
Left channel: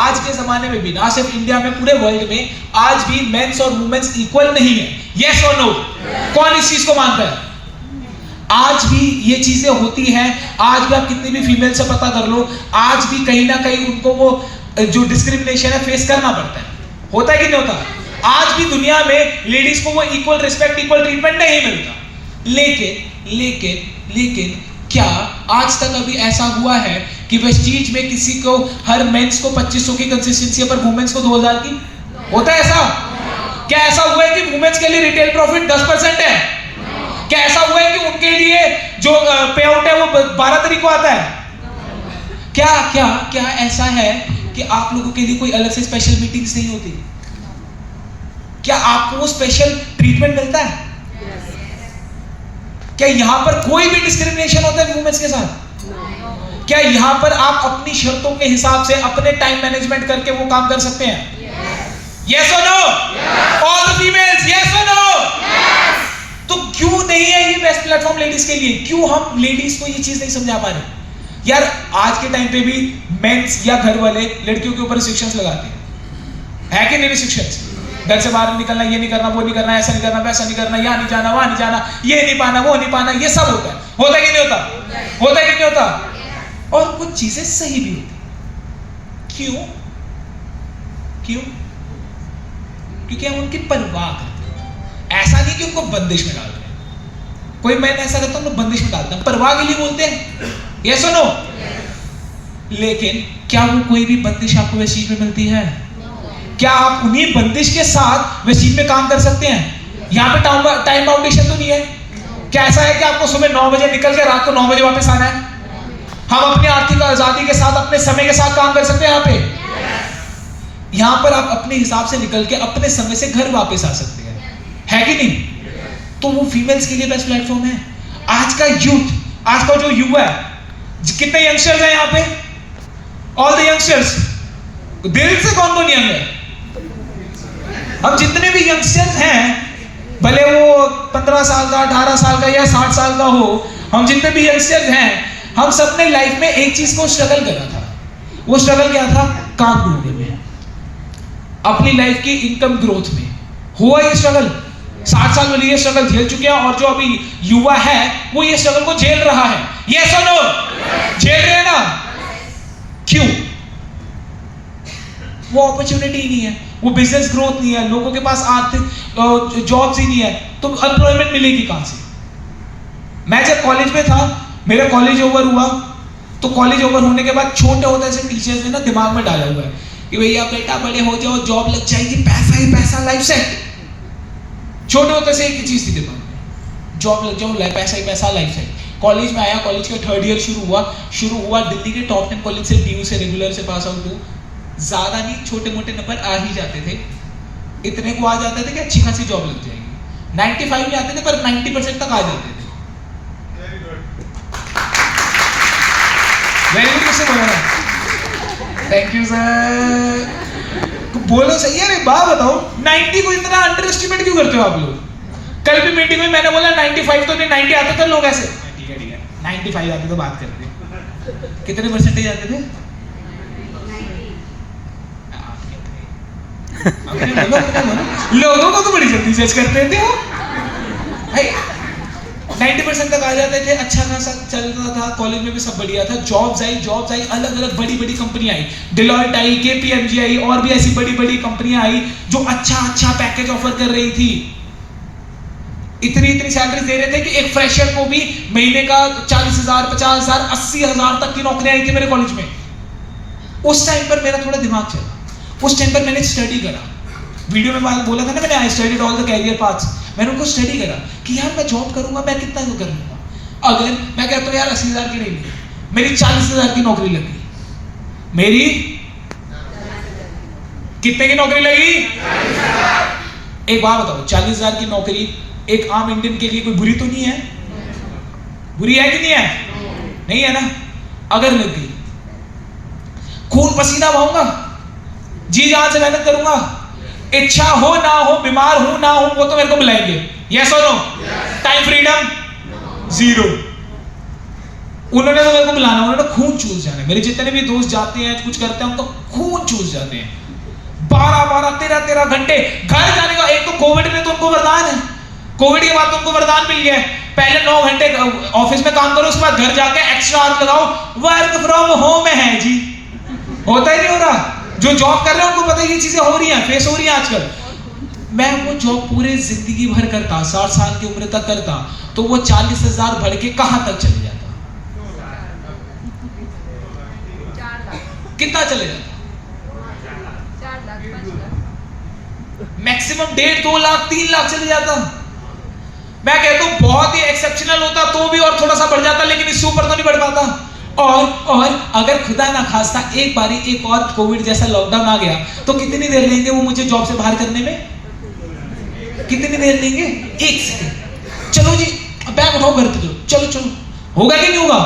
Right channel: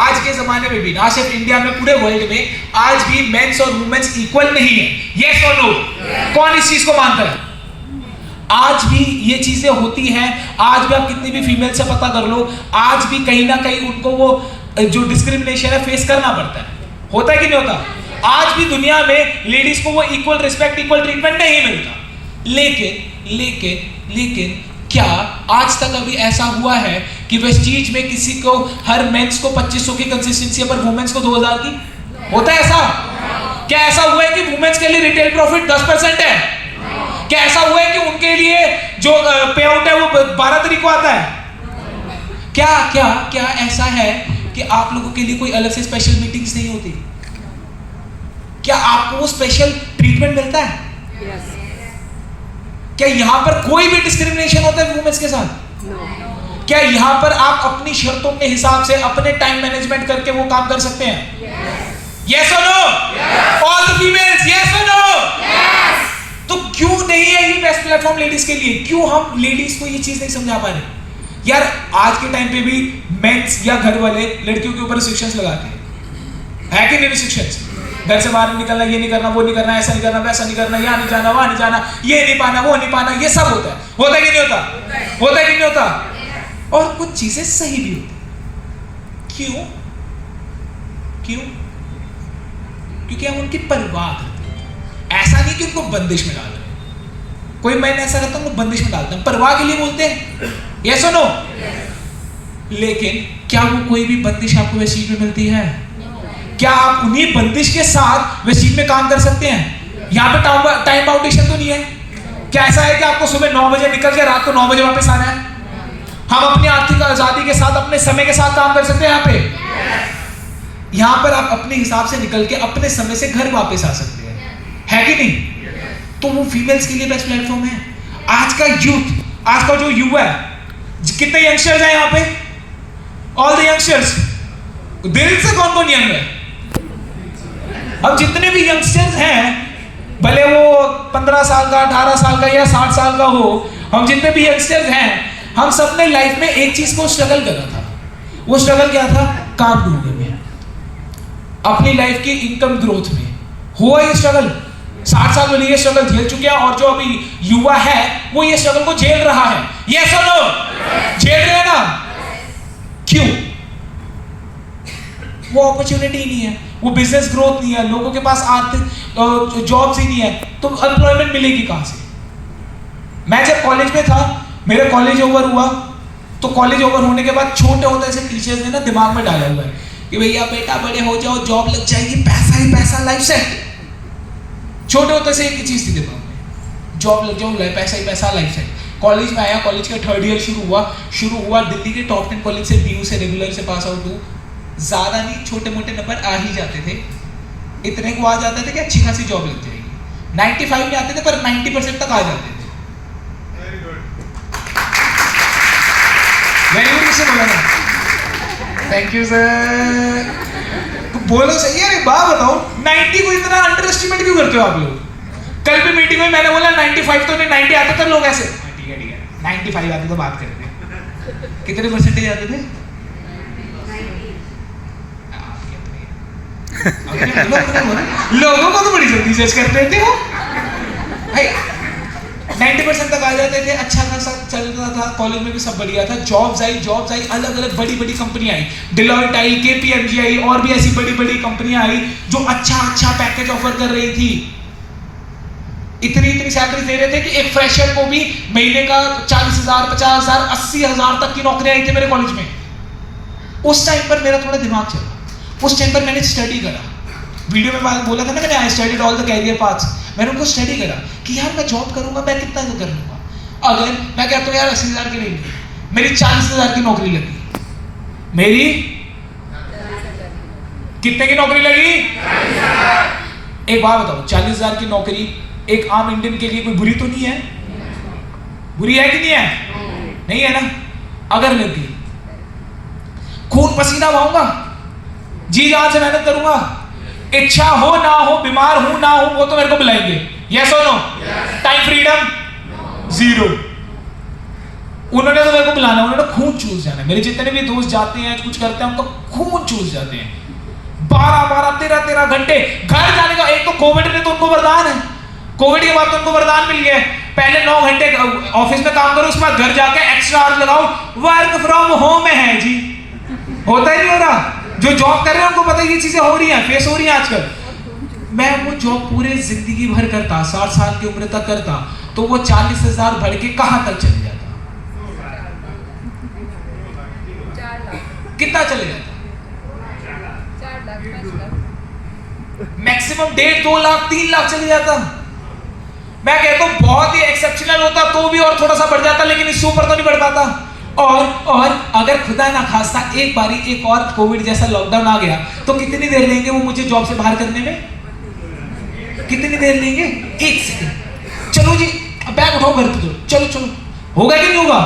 आज के जमाने में भी, ना सिर्फ इंडिया में, पूरे वर्ल्ड में आज भी मेंस और वुमेन्स इक्वल नहीं है। यस और नो? कौन इस चीज को मानता है? आज भी ये चीजें होती हैं। आज भी आप कितनी भी फीमेल से पता कर लो, आज भी कहीं ना कहीं उनको वो जो डिस्क्रिमिनेशन है फेस करना पड़ता है। होता है कि नहीं होता? आज भी दुनिया में लेडीज को वो इक्वल रिस्पेक्ट, इक्वल ट्रीटमेंट नहीं मिलता। लेकिन लेकिन लेकिन क्या आज तक अभी ऐसा हुआ है कि वेस्टीज में किसी को, हर मेंस को 2500 की कंसिस्टेंसी है पर वुमेन्स को 2000 की? होता है ऐसा? क्या ऐसा हुआ है कि वुमेन्स के लिए रिटेल प्रॉफिट 10% है? क्या ऐसा हुआ है कि उनके लिए जो पे आउट है वो 12 तारीख को आता है? क्या क्या क्या ऐसा है कि आप लोगों के लिए कोई अलग से स्पेशल मीटिंग्स नहीं होती? क्या आपको वो स्पेशल ट्रीटमेंट मिलता है? क्या यहां पर कोई भी डिस्क्रिमिनेशन होता है वुमेन्स के साथ? क्या यहां पर आप अपनी शर्तों के हिसाब से अपने टाइम मैनेजमेंट करके वो काम कर सकते हैं? यस और no? All the females yes और नो? तो क्यों नहीं है ये बेस्ट प्लेटफॉर्म लेडीज के लिए? क्यों हम लेडीज को ये चीज नहीं समझा पा रहे? यार आज के टाइम पे भी मेंस या घर वाले लड़कियों के ऊपर रिस्ट्रिक्शंस लगाते हैं, है कि नहीं? रिस्ट्रिक्शंस, घर से बाहर निकलना, ये नहीं करना, वो नहीं करना, ऐसा नहीं करना, वैसा नहीं करना, यहाँ नहीं जाना, वहां नहीं जाना, ये नहीं पाना, वो नहीं पाना, ये सब होता है। होता है कि नहीं होता? होता है कि नहीं होता? और कुछ चीजें सही भी होती। क्यों? क्यों? क्योंकि हम उनकी परवाह करते हैं। ऐसा नहीं कि उनको बंदिश में डाल रहे हैं। कोई मैंने ऐसा करता हूं, बंदिश में डालता हूं, परवाह के लिए बोलते हैं। यस और नो? लेकिन क्या वो कोई भी बंदिश आपको वैसी में मिलती है? क्या आप उन्हीं बंदिश के साथ वैसी में काम कर सकते हैं? यहाँ पे टाइम बाउंडेशन तो नहीं है। क्या ऐसा है कि आपको सुबह 9 बजे निकल के रात को 9 बजे वापस आना है? हम अपनी आर्थिक आजादी के साथ, अपने समय के साथ काम कर सकते हैं। यहाँ पे यहाँ पर आप अपने हिसाब से निकल के अपने समय से घर वापस आ सकते हैं, है कि नहीं? तो वो फीमेल्स के लिए बेस्ट प्लेटफॉर्म है। आज का यूथ, आज का जो युवा है, कितने यंगस्टर्स हैं यहाँ पे? ऑल द यंगस्टर्स, दिल से कौन कौन यंग है? हम जितने भी यंगस्टर्स हैं, भले वो 15 साल का, 18 साल का या 60 साल का हो, हम जितने भी यंगस्टर्स हैं, हम सबने लाइफ में एक चीज को स्ट्रगल करा था। वो स्ट्रगल क्या था? काम ढूंढने में, अपनी लाइफ की इनकम ग्रोथ में। हुआ ये स्ट्रगल? 60 साल वाले ये स्ट्रगल झेल चुके हैं, और जो अभी युवा है वो ये स्ट्रगल को झेल रहा है। ये सुनो, झेल रहे हैं ना? क्यों? वो अपॉर्चुनिटी नहीं है, वो बिजनेस ग्रोथ नहीं है, लोगों के पास आर्थिक जॉब्स ही नहीं है, तो एम्प्लॉयमेंट मिलेगी कहां से? मैं जब कॉलेज में था, मेरा कॉलेज ओवर हुआ, तो कॉलेज ओवर होने के बाद छोटे होते से टीचर्स ने ना दिमाग में डाला हुआ है कि भैया बेटा बड़े हो जाओ, जॉब लग जाएगी, पैसा ही पैसा, लाइफ सेट। छोटे होते से एक चीज थी दिमाग में, जॉब लग जाओ, पैसा ही पैसा, लाइफ सेट। कॉलेज में आया, कॉलेज का 3rd ईयर शुरू हुआ, दिल्ली के टॉप 10 कॉलेज से, DU से, रेगुलर से पास आउट हूँ। ज्यादा नहीं, छोटे मोटे नंबर आ ही जाते थे, इतने को आ जाते थे कि अच्छी खासी जॉब लग जाएगी। 95 में आते थे पर 90% तक आ जाते थे। वेरी गुड से बोला, थैंक यू सर। तो बोलो सही है। अरे बात बताओ, 90 को इतना अंडर एस्टिमेट क्यों करते हो आप लोग? कल भी मीटिंग में मैंने बोला 95 तो नहीं, 90 आते थे लोग ऐसे, ठीक है 95 आते तो बात करते। कितने परसेंटेज आते थे? लोगों को तो बड़ी जल्दी जज करते थे वो भाई। 90% तक आ जाते थे, अच्छा खासा चल रहा था, कॉलेज में भी सब बढ़िया था, जॉब्स आई, अलग अलग बड़ी बड़ी कंपनी आई, डिलॉयट आई, KPMG आई, और भी ऐसी बड़ी बड़ी कंपनियां आई जो अच्छा पैकेज ऑफर कर रही थी। इतनी सैलरी दे रहे थे कि एक फ्रेशर को भी महीने का 40,000, 50,000, 80,000 तक की नौकरी आई थी मेरे कॉलेज में। उस टाइम पर मेरा थोड़ा दिमाग चला, उस टाइम पर मैंने स्टडी करा। वीडियो में बोला था ना मैंने, I studied all the career paths. मैंने उनको स्टडी करा कि यार मैं जॉब करूंगा, मैं कितना कर लूंगा। अगर मैं कहता हूँ यार 80,000 की नहीं, मेरी 40,000 की नौकरी लगी, मेरी कितने की नौकरी लगी? एक बात बताओ, 40,000 की नौकरी एक आम इंडियन के लिए कोई बुरी तो नहीं है? बुरी है कि नहीं है? नहीं है ना? अगर लग गई, खून पसीना बहाऊंगा, जी जान से मेहनत करूंगा, इच्छा हो ना हो, बीमार हो ना हो, वो तो मेरे को बुलाएंगे। यस और नो? Time freedom 0। उन्होंने तो मेरे को बुलाना, उन्होंने खून चूस जाना है। मेरे जितने भी दोस्त जाते हैं, कुछ करते हैं, उनको खून चूस जाते हैं। 12 13 घंटे घर जाने का। एक तो कोविड में तो उनको वरदान है, कोविड के बाद तो उनको वरदान मिल गया है, पहले 9 घंटे ऑफिस में काम करो, उसके बाद घर जाके एक्स्ट्रा आवर्स लगाओ, वर्क फ्रॉम होम है जी। होता ही नहीं हो रहा। जो जॉब कर रहे हैं उनको पता है ये चीजें हो रही हैं, फेस हो रही हैं आजकल। मैं वो जॉब पूरे जिंदगी भर करता, 60 साल की उम्र तक करता, तो वो 40,000 बढ़ के कहां तक चले जाता? कितना चले जाता? मैक्सिमम 1.5, 2 लाख, 3 लाख चले जाता। मैं कहता हूं बहुत ही एक्सेप्शनल होता तो भी और थोड़ा सा बढ़ जाता, लेकिन इससे ऊपर तो नहीं बढ़ पाता। और अगर खुदा ना खास्ता एक बारी एक और कोविड जैसा लॉकडाउन आ गया, तो कितनी देर लेंगे वो मुझे जॉब से बाहर करने में? कितनी देर लेंगे? 1 सेकंड। चलो जी बैग उठाओ, घर पे चलो चलो। होगा कि नहीं होगा?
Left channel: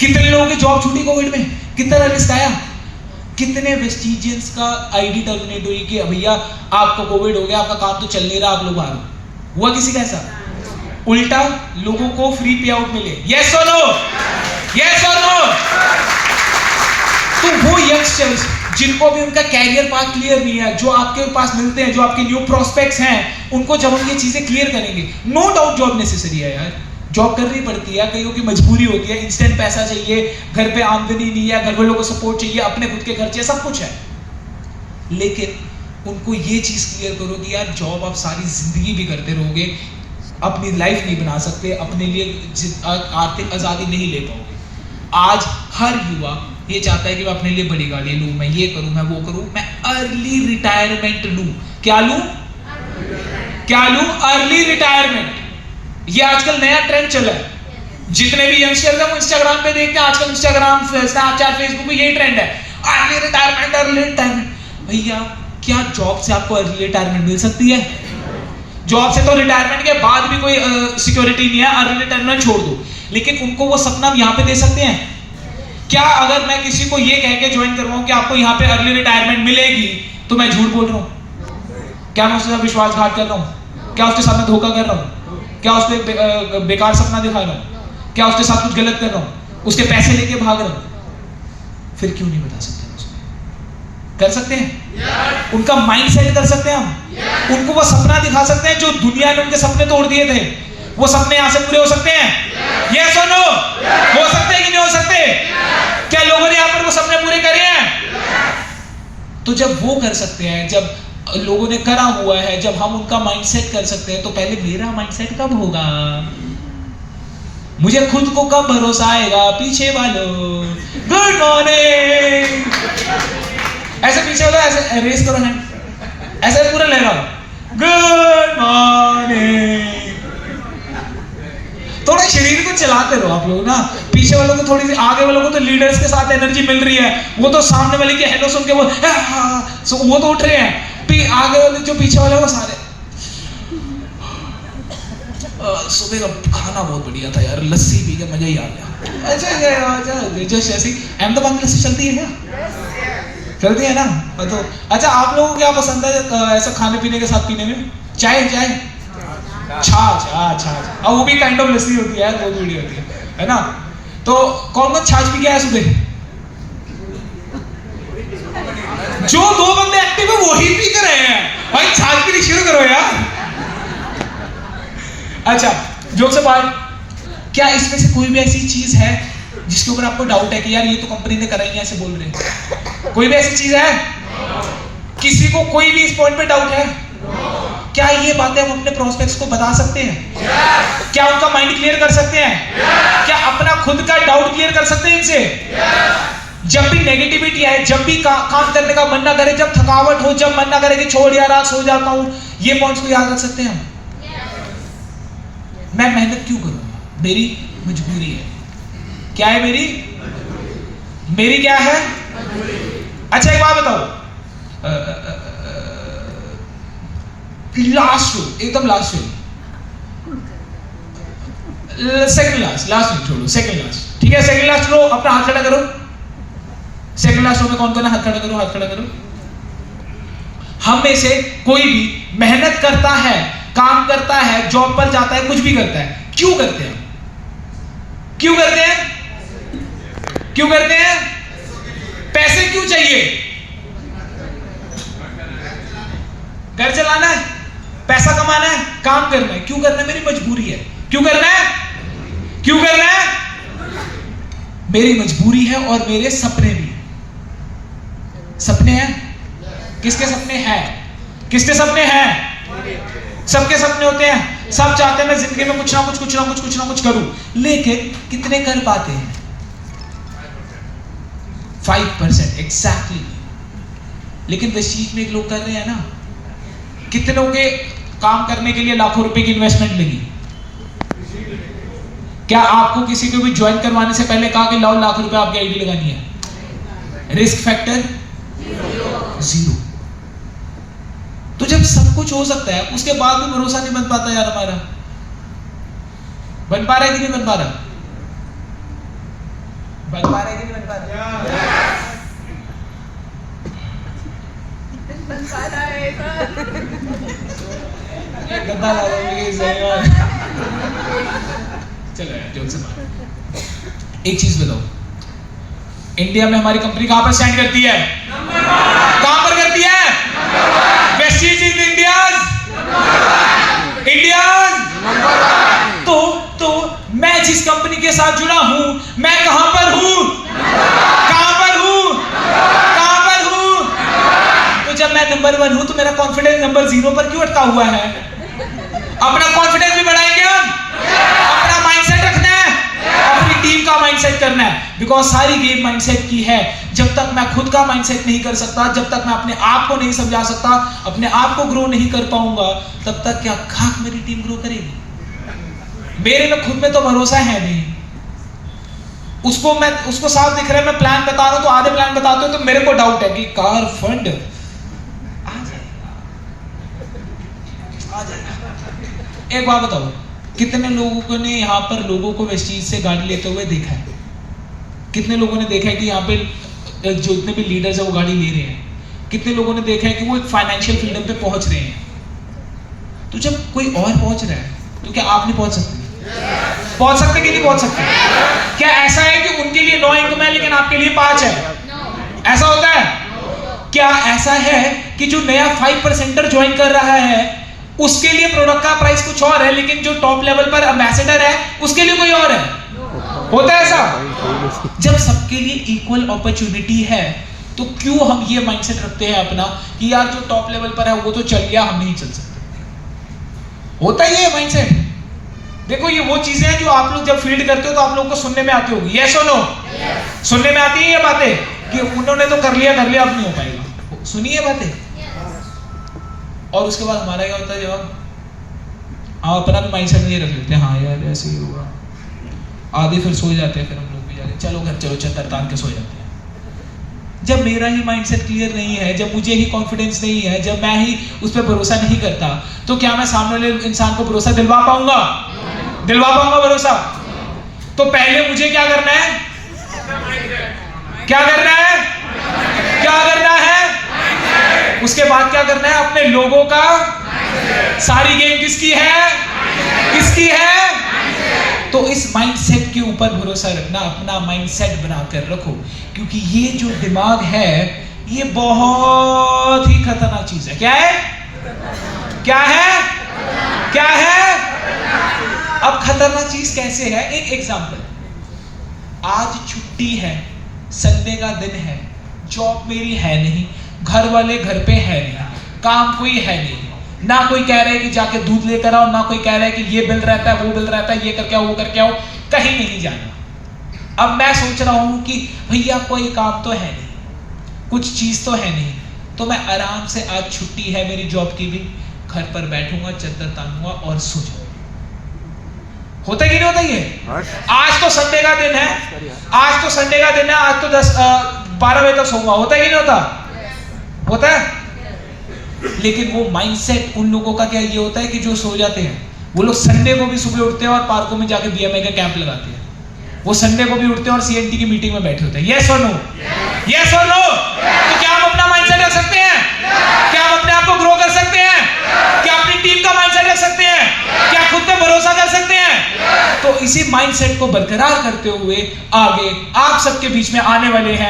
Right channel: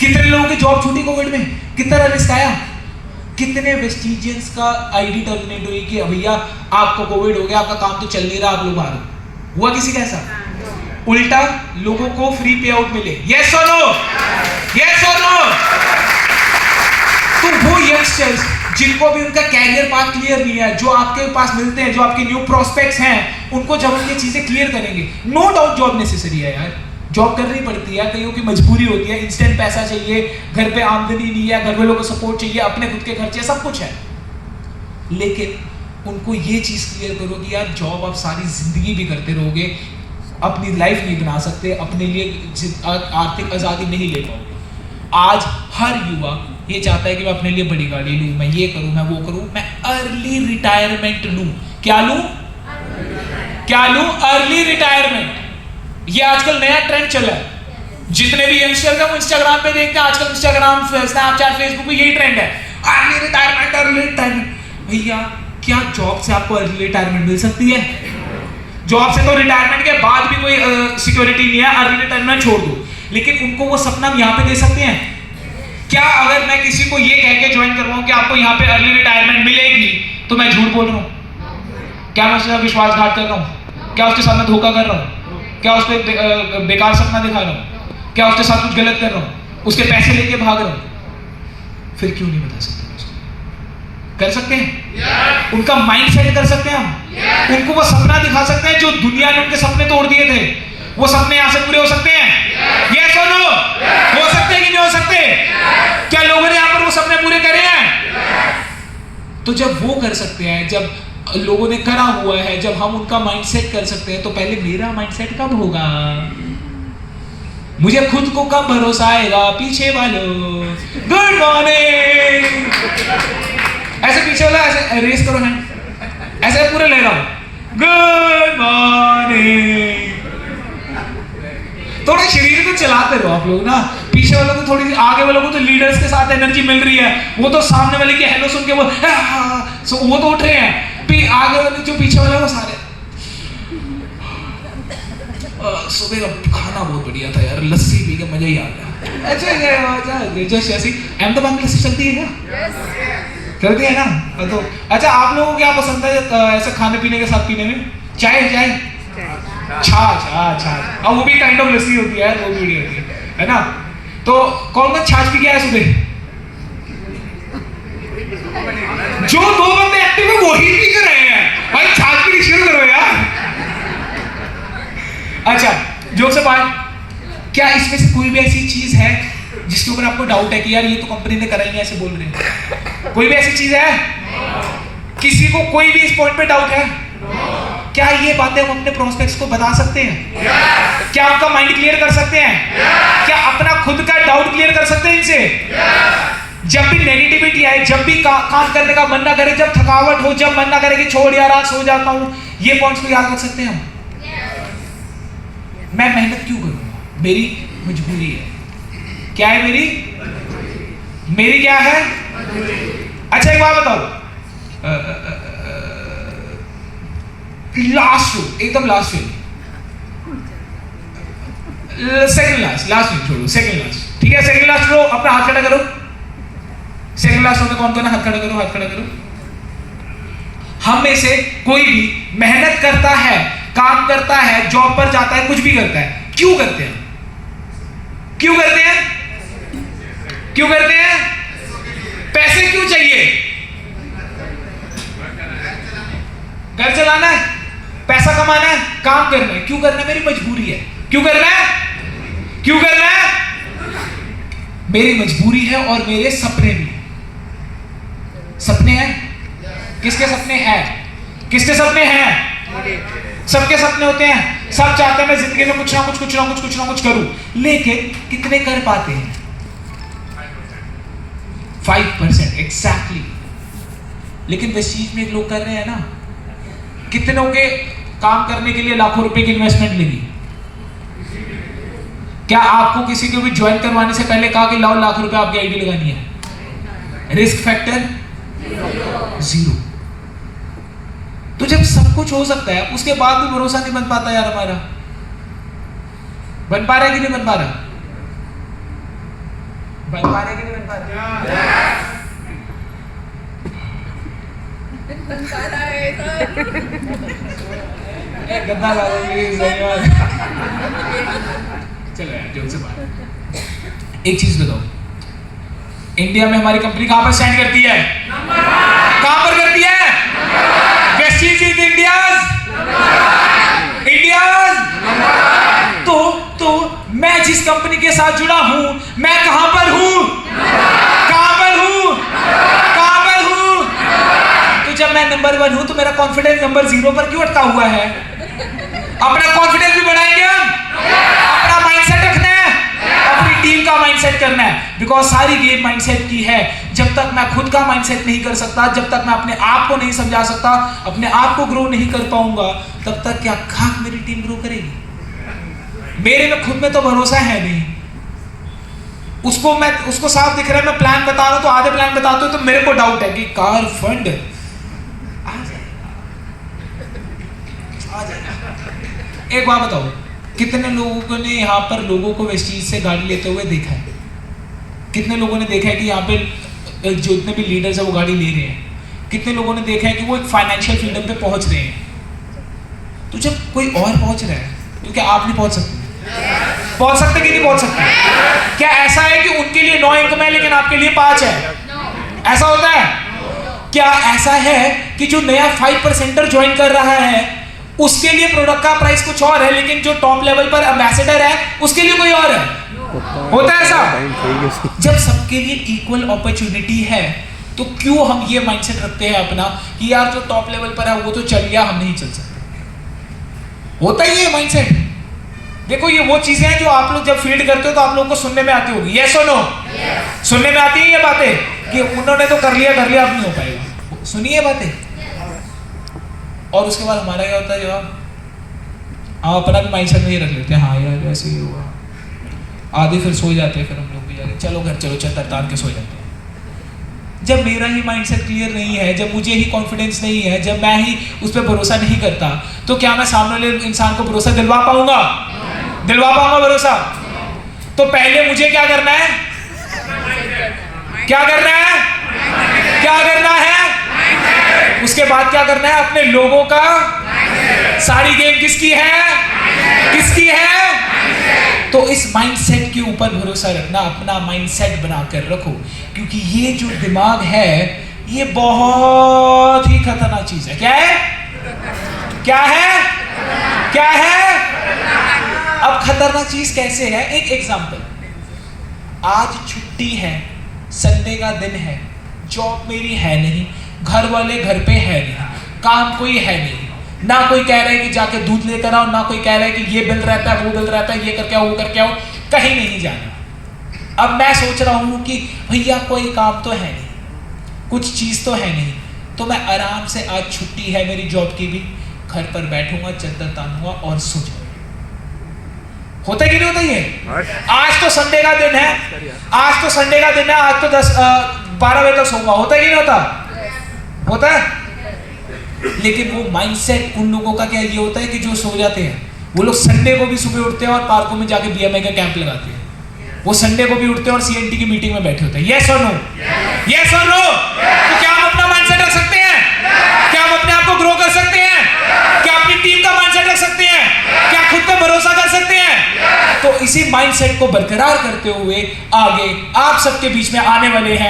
कितने लोगों की जॉब छूटी कोविड में, कितना रिस्क आया, कितने वेस्टिजियंस का आईडी टर्मिनेट हुई कि भैया आपको कोविड हो गया, आपका काम तो चल नहीं रहा, आप लोग बाहर। हुआ किसी का ऐसा? उल्टा लोगों को फ्री पे आउट मिले। यस और नो? यस और नो? तो वो यंगस्टर्स जिनको भी उनका कैरियर पाथ क्लियर नहीं है, जो आपके पास मिलते हैं, जो आपके न्यू प्रोस्पेक्ट्स हैं, उनको जब हम ये चीजें क्लियर करेंगे, नो डाउट जॉब नेसेसरी है यार, जॉब करनी पड़ती है, कईयों की मजबूरी होती है, इंस्टेंट पैसा चाहिए, घर पे आमदनी नहीं है, घर वालों को सपोर्ट चाहिए, अपने खुद के खर्चे, सब कुछ है। लेकिन उनको ये चीज क्लियर करो कि यार जॉब आप सारी जिंदगी भी करते रहोगे, अपनी लाइफ नहीं बना सकते, अपने लिए आर्थिक आजादी नहीं ले पाओगे। आज हर युवा ये चाहता है कि मैं अपने लिए बड़ी गाड़ी लूं, मैं ये करूं, मैं वो करूं, मैं अर्ली रिटायरमेंट लूं। क्या लूं? क्या लूं? Early retirement. ये आजकल नया ट्रेंड चला है। जितने भी यंगस्टर हैं वो इंस्टाग्राम पे देखते हैं, आजकल इंस्टाग्राम, स्नैपचैट, फेसबुक पे यही ट्रेंड है, अर्ली रिटायरमेंट, अर्ली रिटायरमेंट। भैया क्या जॉब से आपको अर्ली रिटायरमेंट मिल सकती है? जॉब से तो रिटायरमेंट के बाद भी कोई सिक्योरिटी नहीं है, अर्ली रिटायरमेंट छोड़ दो। लेकिन उनको वो सपना हम यहाँ पे दे सकते हैं क्या? अगर मैं किसी को ये कह के ज्वाइन कर रहा हूँ कि आपको यहाँ पे अर्ली रिटायरमेंट मिलेगी, तो मैं झूठ बोल रहा हूँ? क्या मैं उसके साथ विश्वासघात कर रहा हूँ? क्या उसके साथ मैं धोखा कर रहा हूँ? क्या उसको बेकार सपना दिखा रहा हूँ? क्या उसके साथ कुछ गलत कर रहा हूँ? उसके पैसे लेके भाग रहा हूँ? फिर क्यों नहीं बता सकते? कर सकते हैं? उनका माइंड सेट कर सकते हैं हम? उनको वो सपना दिखा सकते हैं जो दुनिया ने उनके सपने तोड़ दिए थे? वो सपने यहाँ से पूरे हो सकते हैं? ये सुनो, हो सकते हैं कि नहीं हो सकते? क्या लोगों ने यहाँ पर वो सपने पूरे करे हैं? तो जब वो कर सकते हैं, जब लोगों ने करा हुआ है, जब हम उनका माइंडसेट कर सकते हैं, तो पहले मेरा माइंडसेट कब होगा? मुझे खुद को कब भरोसा आएगा? पीछे वालों गुड मॉर्निंग, ऐसे पीछे वाला ऐसे रेस करो है, ऐसे पूरे ले रहा हूं गुड मॉर्निंग। थोड़ा शरीर को चलाते रहो आप लोग ना, पीछे वालों को थोड़ी, आगे वालों को तो लीडर्स के साथ एनर्जी मिल रही है, वो तो सामने वाले की हेलो सुन के वो तो उठ रहे हैं, आगे वाले जो पीछे वाले वो सारे सुबह का खाना बहुत बढ़िया था यार, लस्सी पी के मजा ही आ गया। अच्छा जस्ट ऐसी अहमदाबाद में लस्सी चलती है क्या? चलती है ना? तो अच्छा, आप लोगों को क्या पसंद है ऐसा खाने पीने के साथ पीने में? चाय, छाछ, और वो भी काइंड ऑफ लस्सी होती है, वो भी होती है ना? तो कौन कौन छाछ पी गया है सुबह? जो 2 बंदे एक्टिव है वही पी कर रहे हैं भाई, छाछ पीनी शुरू करो यार। अच्छा, जोक से बात, क्या इसमें से कोई भी ऐसी चीज है जिसके ऊपर आपको डाउट है कि यार ये तो कंपनी ने करा ही नहीं, ऐसे बोल रहे हैं? कोई भी ऐसी चीज है? किसी को कोई भी इस पॉइंट पे डाउट है? क्या ये बातें हम अपने प्रोस्पेक्ट्स को बता सकते हैं? क्या उनका माइंड क्लियर कर सकते हैं? क्या अपना खुद का डाउट क्लियर कर सकते हैं इनसे? जब भी नेगेटिविटी आए, जब भी काम करने का मन ना करे, जब थकावट हो, जब मन ना करे कि छोड़ यार आज सो जाता हूं, ये पॉइंट्स को याद रख सकते हैं हम? मैं मेहनत क्यों करूंगा? मेरी मजबूरी है। क्या है मेरी क्या है? अच्छा एक बात बताओ, लास्ट एकदम लास्ट सेकंड लास्ट छोड़ो, सेकंड लास्ट, ठीक है? सेकंड लास्ट लो, अपना हाथ खड़ा करो। सेकंड लास्ट में कौन करना? हाथ खड़ा करो, हाथ खड़ा करो। हम में से कोई भी मेहनत करता है, काम करता है, जॉब पर जाता है, कुछ भी करता है, क्यों करते हैं? क्यों करते हैं? क्यों करते हैं? पैसे क्यों चाहिए? घर चलाना है, पैसा कमाना है, काम करना है। क्यों करना है? मेरी मजबूरी है। क्यों करना है? क्यों करना है? मेरी मजबूरी है और मेरे सपने भी। सपने हैं? किसके सपने हैं? किसके सपने हैं? सबके सपने होते हैं, सब चाहते हैं मैं जिंदगी में कुछ ना कुछ करूं, लेकिन कितने कर पाते हैं? 5% एग्जैक्टली। लेकिन इस चीज में लोग कर रहे हैं ना, कितनों के काम करने के लिए लाखों रुपए की इन्वेस्टमेंट लगी? क्या आपको किसी को भी ज्वाइन करवाने से पहले कहा कि लाओ लाख रुपए आपकी आईडी लगानी है? Risk factor 0। तो जब सब कुछ हो सकता है, उसके बाद भी भरोसा नहीं बन पाता यार हमारा। बन पा रहा है कि नहीं बन पा रहा? बन पा रहा है कि नहीं बन पा रहा? चलो जोक से बात, एक चीज बताओ, इंडिया में हमारी कंपनी कहां पर स्टैंड करती है? कहां पर करती है? Vestige is India's. तो मैं जिस कंपनी के साथ जुड़ा हूं, मैं कहां पर हूं? कहां पर हूं? कहां पर हूं? तो जब मैं नंबर 1 हूं तो मेरा कॉन्फिडेंस नंबर 0 पर क्यों अटका हुआ है? अपना कॉन्फिडेंस भी बढ़ाएंगे हम, अपना माइंडसेट रखना है, अपनी टीम का माइंडसेट करना है, बिकॉज सारी गेम माइंडसेट की है। जब तक मैं खुद का माइंडसेट नहीं कर सकता, जब तक मैं अपने आप को नहीं समझा सकता, अपने आप को ग्रो नहीं कर पाऊंगा, तब तक क्या खाक मेरी टीम ग्रो करेगी? मेरे में खुद में तो भरोसा है नहीं। उसको साफ दिख रहा है, मैं प्लान बता रहा हूं तो आधे प्लान बताते हो तो मेरे को डाउट है कि कार फंड आ जाए। एक बात बताओ, कितने लोगों ने यहाँ पर लोगों को वेस्टीज से गाड़ी लेते हुए देखा है? कितने लोगों ने देखा है कि यहाँ पे जो इतने भी लीडर्स है वो गाड़ी ले रहे हैं? कितने लोगों ने देखा है कि वो एक फाइनेंशियल फ्रीडम पे पहुंच रहे हैं? तो जब कोई और पहुंच रहा है तो क्या आप नहीं पहुंच सकते? पहुंच सकते कि नहीं पहुंच सकते? क्या ऐसा है कि उनके लिए 9 इनकम है लेकिन आपके लिए 5 है? ऐसा होता है? क्या ऐसा है कि जो नया 5% ज्वाइन कर रहा है उसके लिए प्रोडक्ट का प्राइस कुछ और है, लेकिन जो टॉप लेवल पर एम्बेसडर है उसके लिए कोई और है? होता है ऐसा? जब सबके लिए इक्वल अपॉर्चुनिटी है तो क्यों हम ये माइंडसेट रखते हैं अपना कि यार जो टॉप लेवल पर है वो तो चल गया, हम नहीं चल सकते? होता ही है माइंडसेट। देखो ये वो चीजें हैं जो आप लोग जब फील्ड करते हो तो आप लोगों को सुनने में आती होगी, यस और नो? सुनने में आती है ये बातें कि उन्होंने तो कर लिया अब नहीं हो पाएगा। सुनिए बातें। और उसके बाद हमारा क्या होता है, जब हम अपना भी माइंडसेट में ये रख लेते हैं, हाँ यार ऐसे ही हुआ, आधे फिर सो जाते हैं, फिर हम लोग भी जाके चलो घर चलो चद्दर तान के सो जाते हैं। जब मेरा ही माइंडसेट क्लियर नहीं है, जब मुझे ही कॉन्फिडेंस नहीं है, जब मैं ही उस पर भरोसा नहीं करता, तो क्या मैं सामने वाले इंसान को भरोसा दिलवा पाऊंगा? दिलवा पाऊंगा भरोसा? तो पहले मुझे क्या करना है? क्या करना है? क्या करना है? उसके बाद क्या करना है? अपने लोगों का सारी गेम किसकी है? किसकी है? तो इस माइंडसेट के ऊपर भरोसा रखना, अपना माइंडसेट बनाकर रखो, क्योंकि ये जो दिमाग है ये बहुत ही खतरनाक चीज है। क्या है? क्या है? क्या है? अब खतरनाक चीज कैसे है? एक एग्जांपल, आज छुट्टी है, संडे का दिन है, जॉब मेरी है नहीं, घर वाले घर पे है नहीं, काम कोई है नहीं, ना कोई कह रहा है कि जाके दूध लेकर आओ, ना कोई कह रहा है कि ये बिल रहता है वो बिल रहता है, ये करके आओ वो करके आओ, कहीं नहीं जाना। अब मैं सोच रहा हूं कि भैया कोई काम तो है नहीं, कुछ चीज तो है नहीं, तो मैं आराम से, आज छुट्टी है मेरी जॉब की भी, घर पर बैठूंगा, चद्दर तानूंगा और सो जाऊंगा। होता है कि नहीं होता ये? आज तो संडे का दिन है, आज तो संडे का दिन है, आज तो 12 बजे तक सोऊंगा। होता है कि नहीं होता? होता है। लेकिन वो माइंडसेट उन लोगों का क्या ये होता है कि जो सो जाते हैं, वो लोग संडे को भी सुबह उठते हैं और पार्कों में जाके बीएमए का कैंप लगाते हैं। वो संडे को भी उठते हैं और सीएनटी की मीटिंग में बैठे होते हैं। यस और नो? यस और नो? तो क्या हम अपना माइंडसेट रख सकते हैं? क्या हम अपने आप को ग्रो कर सकते हैं? क्या अपनी टीम का माइंडसेट रख सकते हैं? क्या खुद पे भरोसा कर सकते हैं? तो इसी माइंडसेट को बरकरार करते हुए आगे आप सबके बीच में आने वाले हैं